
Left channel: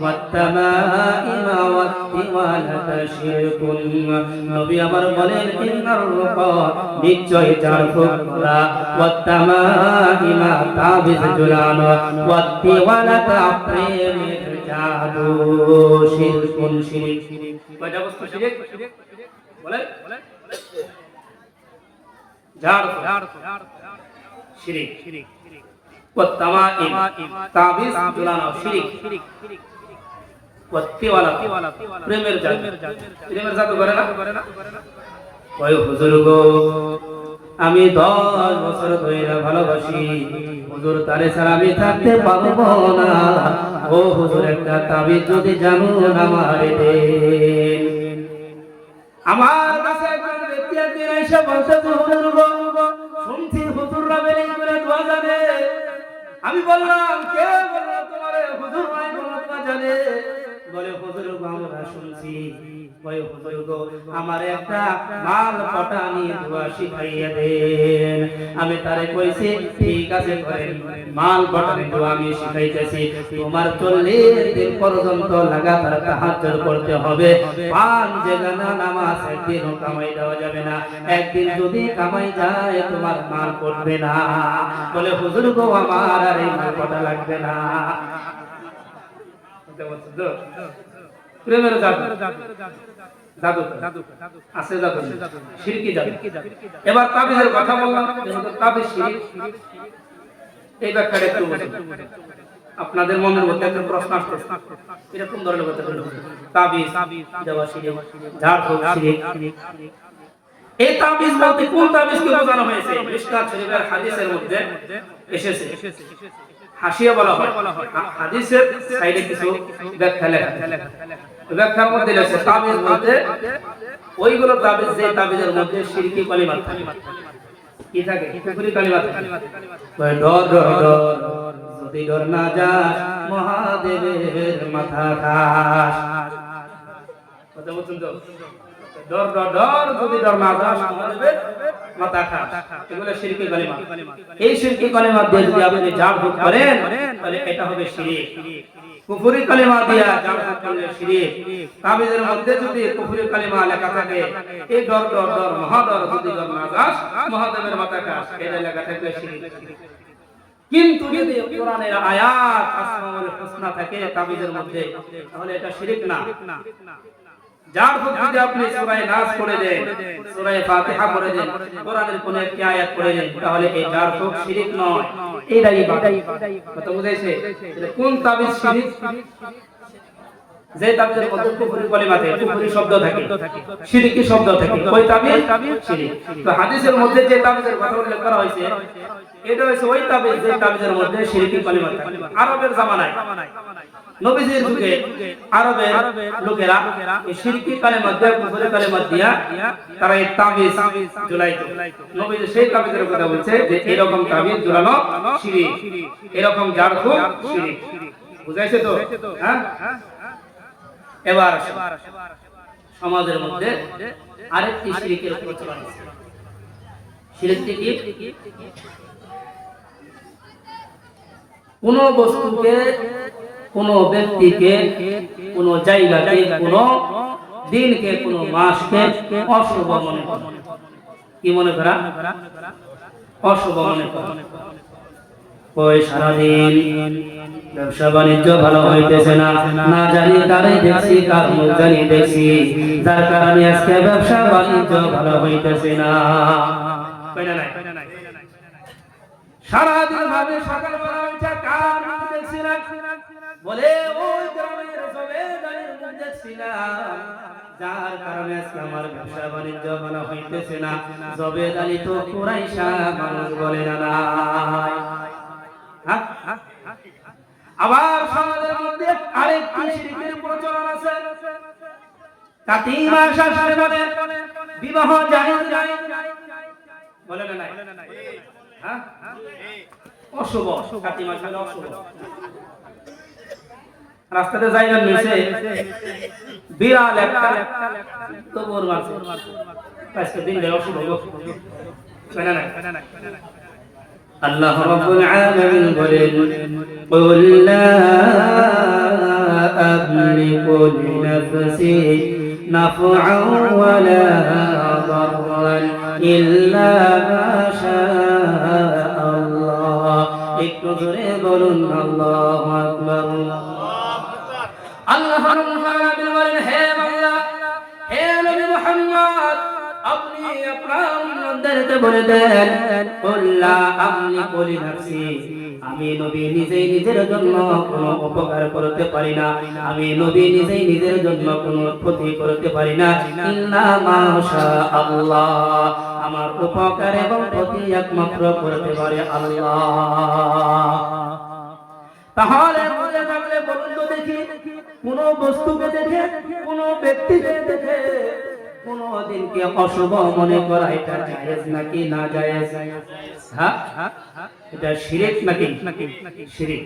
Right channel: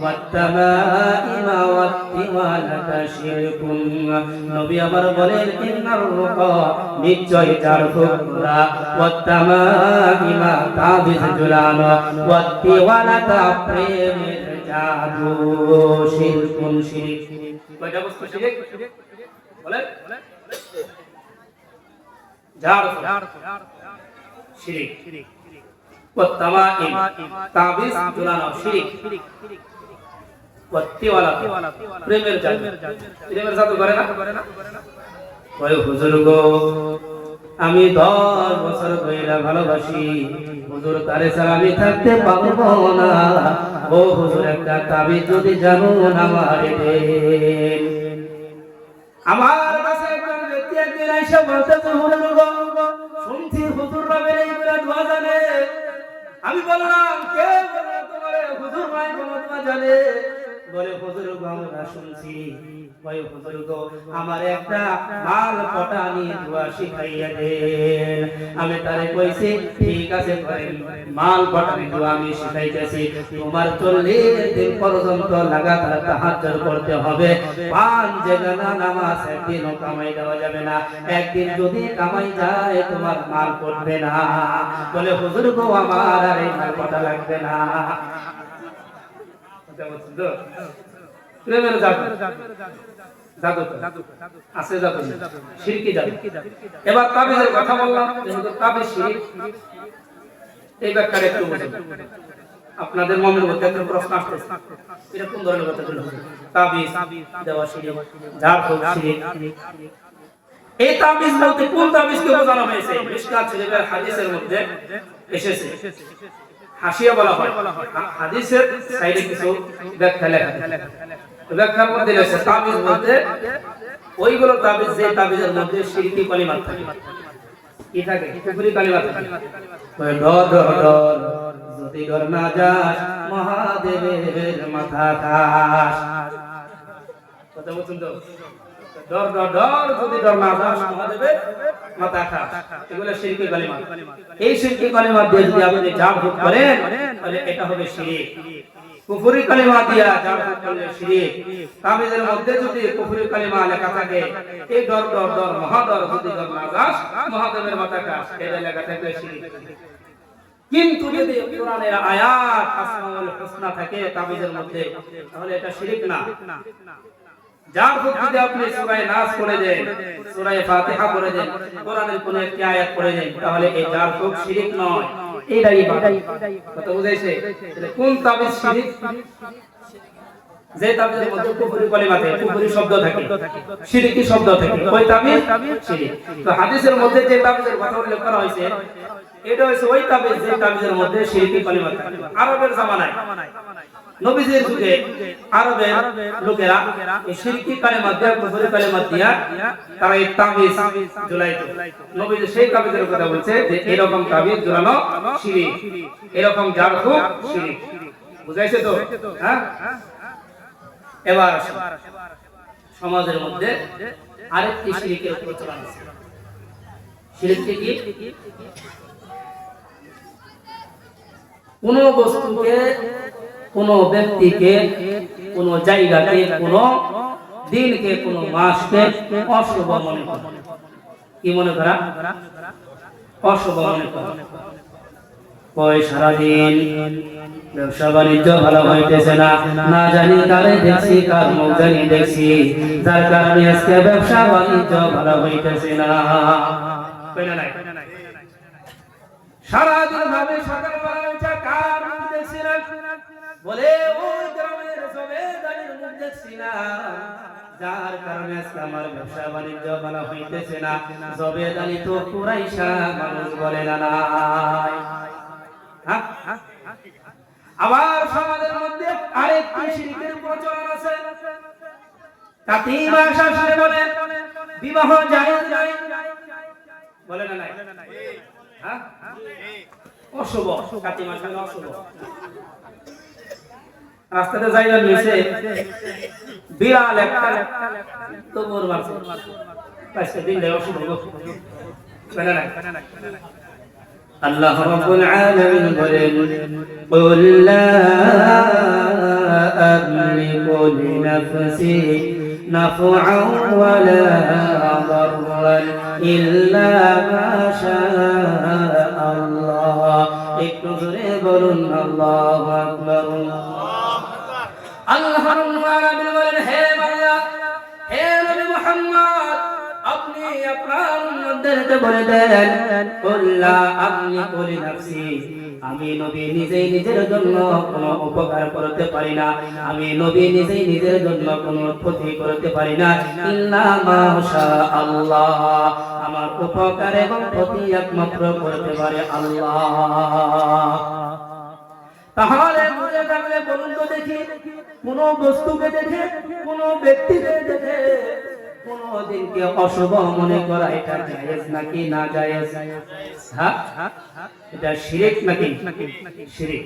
ওয়াত তামাইমা ওয়াত তিওয়ালাতা শিরকুন। নবী আমার বলেন, ইন্নার রুকা নিশ্চয় চারফুক করা, ওয়াত তামাইমা তাবিজ ঝুলানো, ওয়াত তিওয়ালাতা প্রেমের জাদু শিরকুন শিরক। কয়টা বস্তু শিরক বলে? জারফ শিরক, ওয়াত তামাইম তাবিজ ঝুলানো শিরক, ওয়াত তিওয়ালাতা প্রেমের জাদু। প্রেমের জাদু করে না? ওই হুজুর গো, আমি 10 বছর ধরে ভালোবাসি হুজুর, তারে ছাড়া আমি থাকতে পারবো না। ও হুজুর, একটা তাবিজ যদি জানুন আমারে দেন। আমার কাছে একজন ব্যক্তি একদিন এসে বলতেছে, হুজুর গো, শুনছি হুজুররা বেরেই করে দোয়া জানে। আমি বললাম, কে বললো তোমারে হুজুর ভাই দোয়া জানে? বলে, হুজুর গো আমরা শুনছি। বলে, হুজুর গো আমার একটা মাল পটানি দোয়া শিখাইয়া দেন। আমি তারে কইছি, ঠিক আছে করেন, মাল পটানি দোয়া আমি শিখাইতেছি। তোমার 40 দিন পর্যন্ত লাগাতার তাহাজ্জুদ করতে হবে। 5 জায়গা নামাজ একদিনও কামাই দেওয়া যাবে না। একদিন যদি কামাই যায় তোমার মাল পড়বে না। বলে, হুজুর গো আমার আর এই মাল পটা লাগবে না। প্রেমের জাদু, জাদু আছে, জাদু শিরকি জাদু। এবার তাবিজের কথা বললাম, যেহেতু তাবিজ শিরক, এই ব্যাপারে একটু বুঝুন। আপনাদের মনের মধ্যে একটা প্রশ্ন আসতেছে, এটা কোন ধরনের কথা হলো? তাবিজ দেওয়া শিরক, জাদু শিরক। এই তাবিজ বলতে কোন তাবিজকে বোঝানো হয়েছে? মিশকাত শরীফের হাদিসের মধ্যে এসেছে, হাসিয়া বলা হয়। হাদিসের সাইডে কিছু ব্যাখ্যা লেখা, ব্যাখ্যার মধ্যে লেখা তাবিজ বলতে ওইগুলো তাবিজ যে তাবিজের মধ্যে শিরকি কালিমা থাকে। কি থাকে? কুফরি কালিমা থাকে। ডর ডর ডর যদি ডর না যাস মহাদেবের মাথা খাস। কথা বলছেন তো? ডর ডর ডর যদি ডর না যাস মহাদেবের মাথা খাস, এগুলো শিরকি কালিমা। এই শিরকি কালিমা দিয়ে যদি আপনি জাপ করেন তাহলে এটা হবে শিরক। কুফরি কালিমা দিয়া জাপ করলে শিরক। তাবিজের মধ্যে যদি কুফরি কালিমা লেখা থাকে, এই ডর ডর ডর মহাডর যদি ডর না যাস মহাদেবের মাথা খাস, এটা লেখা থাকলে শিরক। কিন্তু যদি কোরআনের আয়াত আসমাউল হুসনা থাকে তাবিজের মধ্যে, তাহলে এটা শিরক না। যার যদি আপনি সূরা নাস পড়ে দেন, সূরা ফাতিহা পড়ে দেন, কোরআনের কোন একটি আয়াত পড়ে দেন, তাহলে এই যার খুব শিরক নয়, এইটাই কথা বুঝাইছে। কোন তাবিজ শিরক? যে তাবিজের মধ্যে কুফরি কালিমা থাকে, কুফরি শব্দ থাকে, শিরকি শব্দ থাকে, ওই তাবিজ শিরক। তো হাদিসের মধ্যে যে তাবিজের কথা উল্লেখ করা হয়েছে, এটা হচ্ছে ওই তাবিজ যে তাবিজের মধ্যে শিরকি কালিমা থাকে। আরবের জামানায় নবীজির যুগে আরবের লোকেরা এই শিরকি কালিমা দিয়া, কুফরি কালিমা দিয়া তারা এই তাবিজ ঝুলাইতো। নবীজি সেই তাবিজের কথা বলছে যে এরকম তাবিজ ঝুলানো শিরক, এরকম জারফু শিরক। বুঝাইছে তো? হ্যাঁ। এবার সমাজের মধ্যে আরেকটি শিরকের প্রচলন আছে। শিরকটি কি? কোন বস্তুকে, কোন ব্যক্তিকে, কোন জায়গাকে, কোন দিনকে, কোন মাসকে অশুভ মনে করা। কি মনে করা? অশুভ মনে করা। ওই সারাদিন ব্যবসা বাণিজ্য ভালো হইতেছে না, না জানি কারে দেখছি, কার মুখ জানি দেখছি, যার কারণে আজকে ব্যবসা বাণিজ্য ভালো হইতেছে না। সারাদিন ভাবে সকালবেলা উঠে কার মুখ দেখছিলাম, বলে ওই গ্রামের জমিদারের মুখ দেখছিলাম, যার কারণে আজকে আমার ব্যবসা বাণিজ্য ভালো হইতেছে না। জবেদারি তো কুরাইশা মানুষ বলে না নাই। আবার সমাজের মধ্যে আরেকটি শিরকের প্রচলন আছে। কাতি মাস আসলে বলে বিবাহ জায়েজ নাই, বলে না নাই? হ্যাঁ, অশুভ। কাতি মাস হলো অশুভ। রাস্তাতে যাইবার নিচে বিড়াল একটা তোমর মারছে, আজকে দিন দেওয়া অশুভ। বলে না? আল্লাহ রাব্বুল আলামিন বলেন, কুল লা আমলিকু লিনাফসি নাফআন ওয়া লা দাররান ইল্লা মা শাআল্লাহ। একটু জোরে বলুন আল্লাহু আকবার। আল্লাহ রাব্বুল আলামিন বলেন, হে বান্দা, হে নবী মুহাম্মদ, আপনি আপনার উম্মতদেরকে বলে দেন, কুল্লা আমলিকু লিনাফসি, আমি নবী নিজেই নিজের জন্য কোনো উপকার করতে পারি না, আমি নবী নিজেই নিজের জন্য কোনো ক্ষতি করতে পারি না, ইল্লা মা শাআল্লাহ, আমার উপকার এবং ক্ষতি একমাত্র করতে পারে আল্লাহ। তাহলে বুঝে থাকলে বলুন তো দেখি, কোন বস্তুকে দেখে, কোন ব্যক্তিকে দেখে কোন দিনকে অশুভ মনে করা এটা জায়েজ নাকি না জায়েজ? হ্যাঁ, এটা শিরক নাকি? শিরক।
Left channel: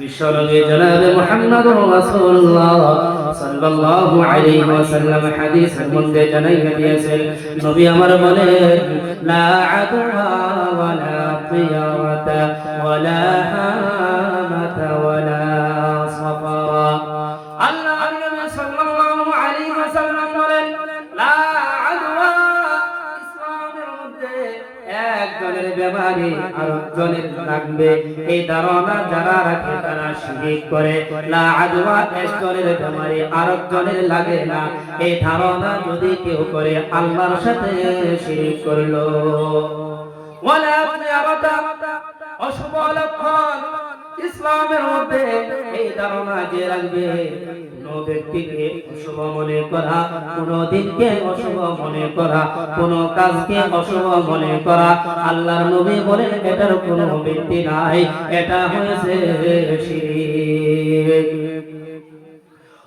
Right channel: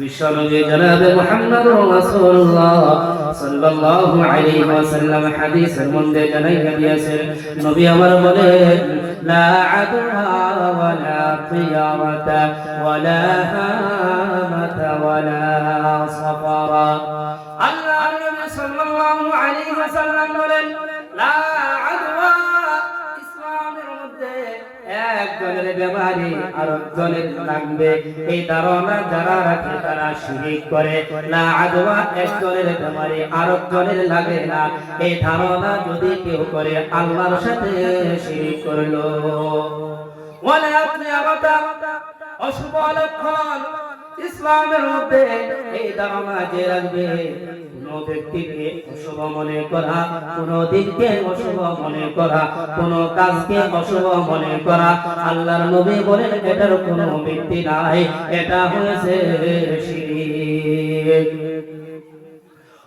বিশ্বনবী জনাবে মুহাম্মদুর রাসূলুল্লাহ সাল্লাল্লাহু আলাইহি ওয়াসাল্লাম হাদিসের মধ্যে জানাইয়া দিয়েছেন, নবী আমার বলেন, লা আদওয়া ওয়ালা তিয়ারাতা ওয়ালা হামাতা ওয়ালা সাফারা। আল্লাহর নবী সাল্লাল্লাহু আলাইহি ওয়াসাল্লাম বলেন, লা আদওয়া, ইসলামের মধ্যে একজনের বেমারি আরেকজনের লাগবে, এই ধারণা যারা রাখে তারা শিরক করে। লা আদওয়া, একজনের বেমারি আরেকজনের লাগে না, এই ধারণা যদি কেউ করে আল্লাহর সাথে শিরক করলো। ওয়ালা তিয়ারাতা, অশুভ লক্ষণ, ইসলামের মধ্যে এই ধারণা যে রাখবে কোন ব্যক্তিকে অশুভ মনে করা, কোন দিনকে অশুভ মনে করা, কোন কাজকে অশুভ মনে করা, আল্লাহর নবী বলেন এটার কোনো ভিত্তি নাই, এটা হয়েছে শিরক।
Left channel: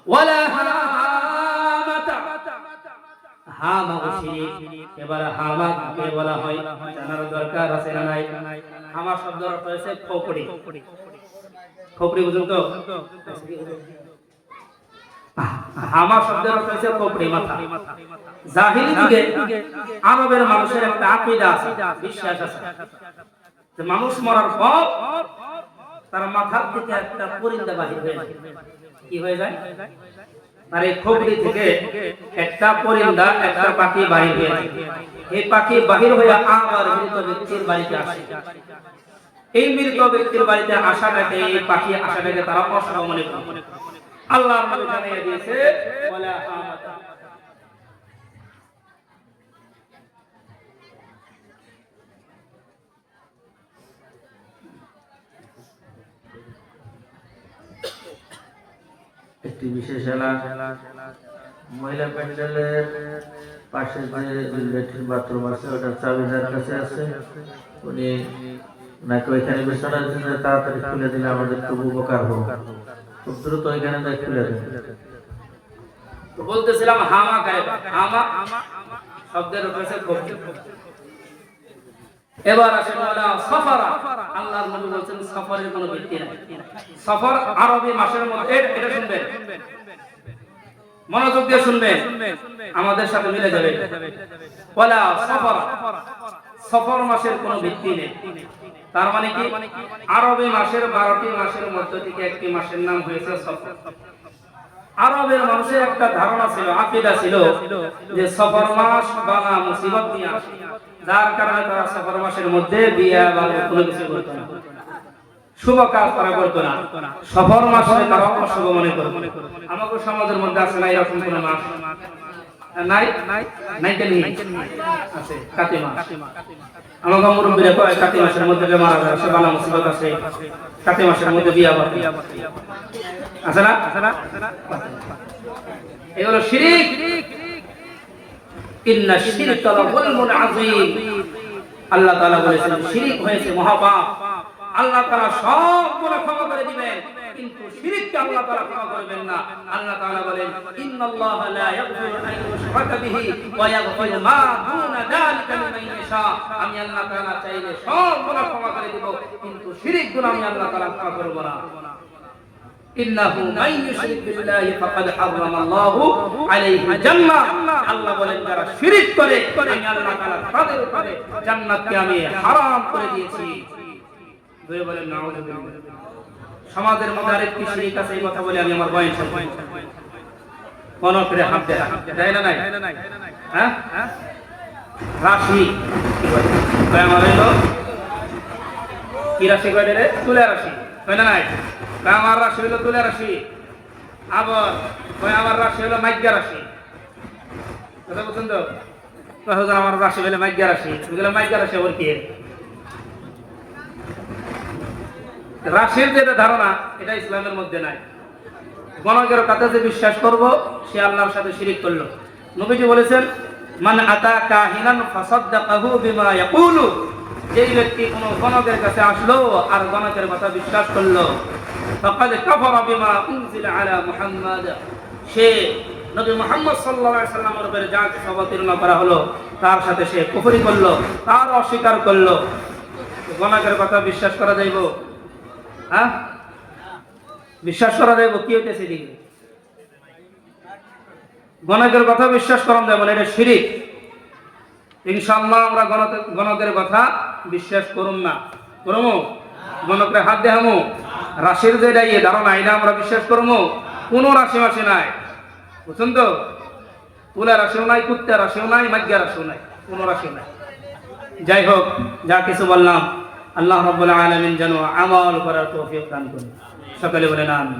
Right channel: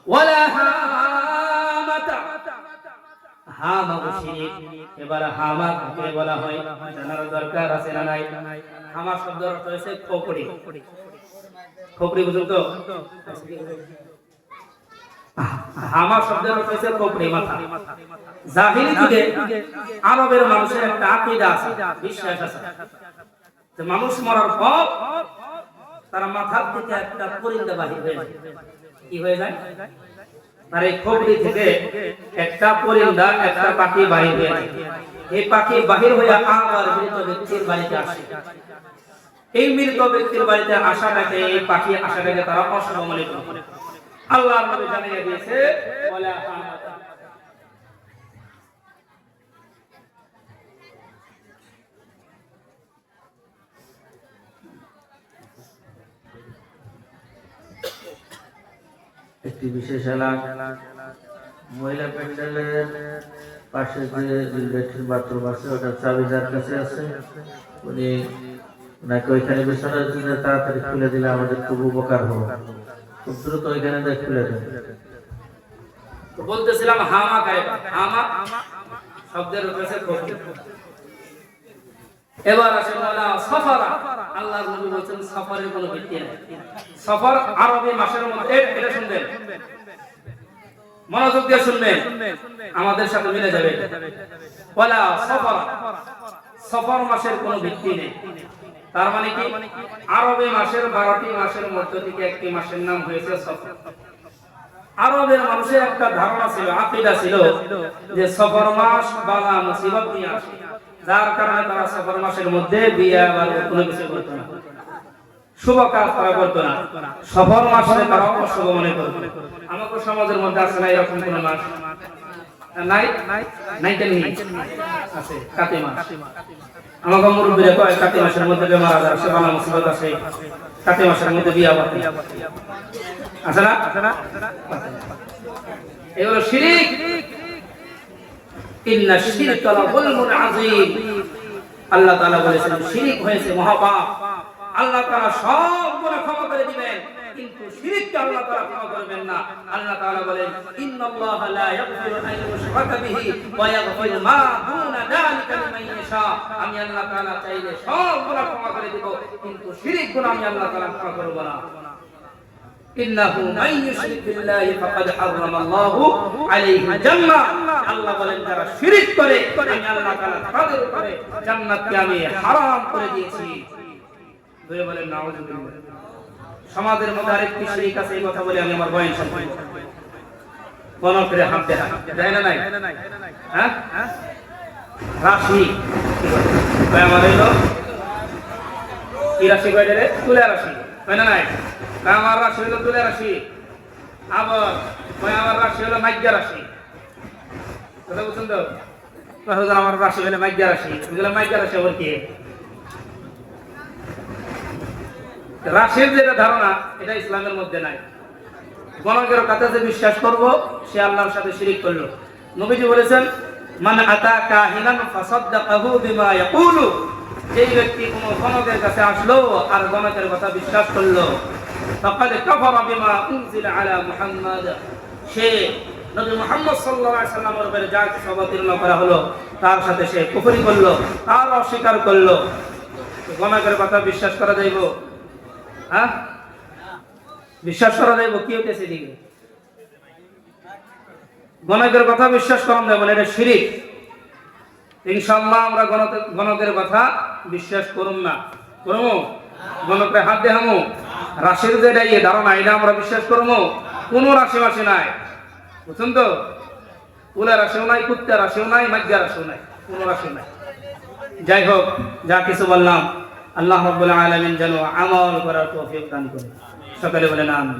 ওয়ালা হামাতা, হামা শিরক। এবার হামা কাকে বলা হয় জানার দরকার আছে না নাই? হামা শব্দের অর্থ হচ্ছে খোপড়ি। খোপড়ি বুঝুন তো? হামা শব্দের অর্থ হচ্ছে খোপড়ি, মাথা। জাহিলি যুগে আরবের মানুষের একটা আকীদা আছে, বিশ্বাস আছে যে মানুষ মরার পর তার মাথার থেকে একটা পরিন্দা বাহির হয়ে যায়। কি হয়ে যায়? আর এই খোপড়ি থেকে একটা পরিন্দা, একটা পাখি বাহির হয়ে যায়। এই পাখি বাহির হয়ে আবার মৃত ব্যক্তির বাড়িতে আসে। এই মৃত ব্যক্তির বাড়িতে আসাটাকে, এই পাখি আসাটাকে তারা অশুভ মনে করে। আল্লাহ নবী জানিয়ে দিয়েছে ওয়ালা হামাতা। একটি বিশেষ এলাকা মহিলা প্যান্ডেলের পাশে যে ল্যাট্রিন বাথরুম আছে ওটার চাবি যার কাছে আছে উনি নাকি ওইখানে বিছানার জন্য তাড়াতাড়ি খুলে দিলে আমাদের খুব উপকার হলো, খুব দ্রুত ওইখানে দেখ খুলে দেন। বলতেছিলাম হামা কারে, হামা শব্দের অর্থ হচ্ছে খোপড়ি। এবার আসেন ওয়ালা সফরা। আল্লাহর নবী বলেছেন সফরের কোনো ভিত্তি নাই। সফর আরবি মাসের মধ্যে, এটা শুনবেন, মনোযোগ দিয়ে শুনবেন, আমাদের সাথে মিলে যাবে। ওয়ালা সফরা, সফর মাসের কোনো ভিত্তি নেই। তার মানে কি? আরবি মাসের 12টি মাসের মধ্যে থেকে একটি মাসের নাম হয়েছে সফর। আরবের মানুষের একটা ধারণা ছিল, আকীদা ছিল যে সফর মাস বালা মুসিবত নিয়ে আসে, যার কারণে তারা সফর মাসের মধ্যে বিয়ে বা কোনো কিছু করতো না, শুভ কাজ তারা করতো না। সফর মাসে তারা অশুভ মনে করতো। আমাদের সমাজের মধ্যে আছে না এরকম কোন মাস? নাই? নাই কেন? আছে কাতি মাস। আমাকে মুরব্বীরা কয় কাতি মাসের মধ্যে বেমার আজার আসে, বালা মুসিবত আসে, কাতি মাসের মধ্যে বিয়ে বাতি আছে না? এগুলো শিরক। ইন্না শিরকা লাযুলমুন আযীম। আল্লাহ তাআলা বলেছেন শিরক হয়েছে মহাপাপ। আল্লাহ তাআলা সব গুনাহ ক্ষমা করে দিবেন, কিন্তু শিরককে আল্লাহ তাআলা ক্ষমা করবেন না। আল্লাহ তাআলা বলেন ইন্নাল্লাহা লা ইয়াগফিরু আন ইউশরাকা বিহি ওয়া ইয়াগফিরু মা দুনা যালিকা লিমান ইয়াশা। আমি আল্লাহ তাআলা চাইলে সব গুনাহ ক্ষমা করে দিব, কিন্তু শিরক গুনাহ আমি আল্লাহ তাআলা ক্ষমা করব না। ইন্নাহু মান ইউশরিক বিল্লাহি ফাকাদ হারামাল্লাহু আলাইহিল জান্নাহ। আল্লাহ বলেন যারা শিরক করে আমি আল্লাহ তাআলা তাদের উপরে জান্নাতকে আমি হারাম করে দিয়েছি। দুই বলেন নাউযুবিল্লাহ। সমাজের মধ্যে আরেকটি শিরক আছে, এই কথা বলে আমি আমার বয়ান শেষ করব। কোন করে হাত দেয়া যায় না? নাই? হ্যাঁ, রাশি আমার হলো কি রাশি কয় রে? তুলা রাশি, তাই না? আমার রাশি হলো তুলা রাশি, আবার আমার রাশি হলো মাইগ্যা রাশি। কথা বুঝছেন তো? আমার রাশি হলো মাইগ্যা রাশি। মাইগ্যা রাশি আবার কি? রাশির যেটা ধারণা, এটা ইসলামের মধ্যে নাই। গণকের কথা যে বিশ্বাস করব সে আল্লাহর সাথে শিরক করলো। নবীজি বলেছেন মান আতা কাহিনান ফাসাদদাকাহু বিমা ইয়াকুলু। যেই ব্যক্তি কোন গণকের কাছে আসলো আর গণকের কথা বিশ্বাস করলো, ফাকাদ কাফারা বিমা উনজিলা আলা মুহাম্মাদ। সে নবী মুহাম্মদ সাল্লাল্লাহু আলাইহি সাল্লামের উপরে যা অবতীর্ণ করা হলো তার সাথে সে কুফরি করলো, তার অস্বীকার করলো। গণকের কথা বিশ্বাস করা যাইব? হ্যাঁ, বিশ্বাস করা যাইব? কি হইতেছে দিকে? গণকের কথা বিশ্বাস করা যাবে না, এটা শিরক। ইনশাআল্লাহ আমরা গণকের কথা বিশ্বাস করুম না। করবো? গণকের হাত দেখামো? রাশির যেটা ইয়ে ধারণা, এটা আমরা বিশ্বাস করবো? কোন রাশি মাসি নাই, বুঝছেন তো? তুলা রাশিও নাই, কুত্তা রাশিও নাই, মাগ্যা রাশিও নাই, কোন রাশি নাই। যাই হোক, যা কিছু বললাম আল্লাহ রাব্বুল আলামিন যেন আমল করার তৌফিক দান করেন। সকলে বলেন আমিন।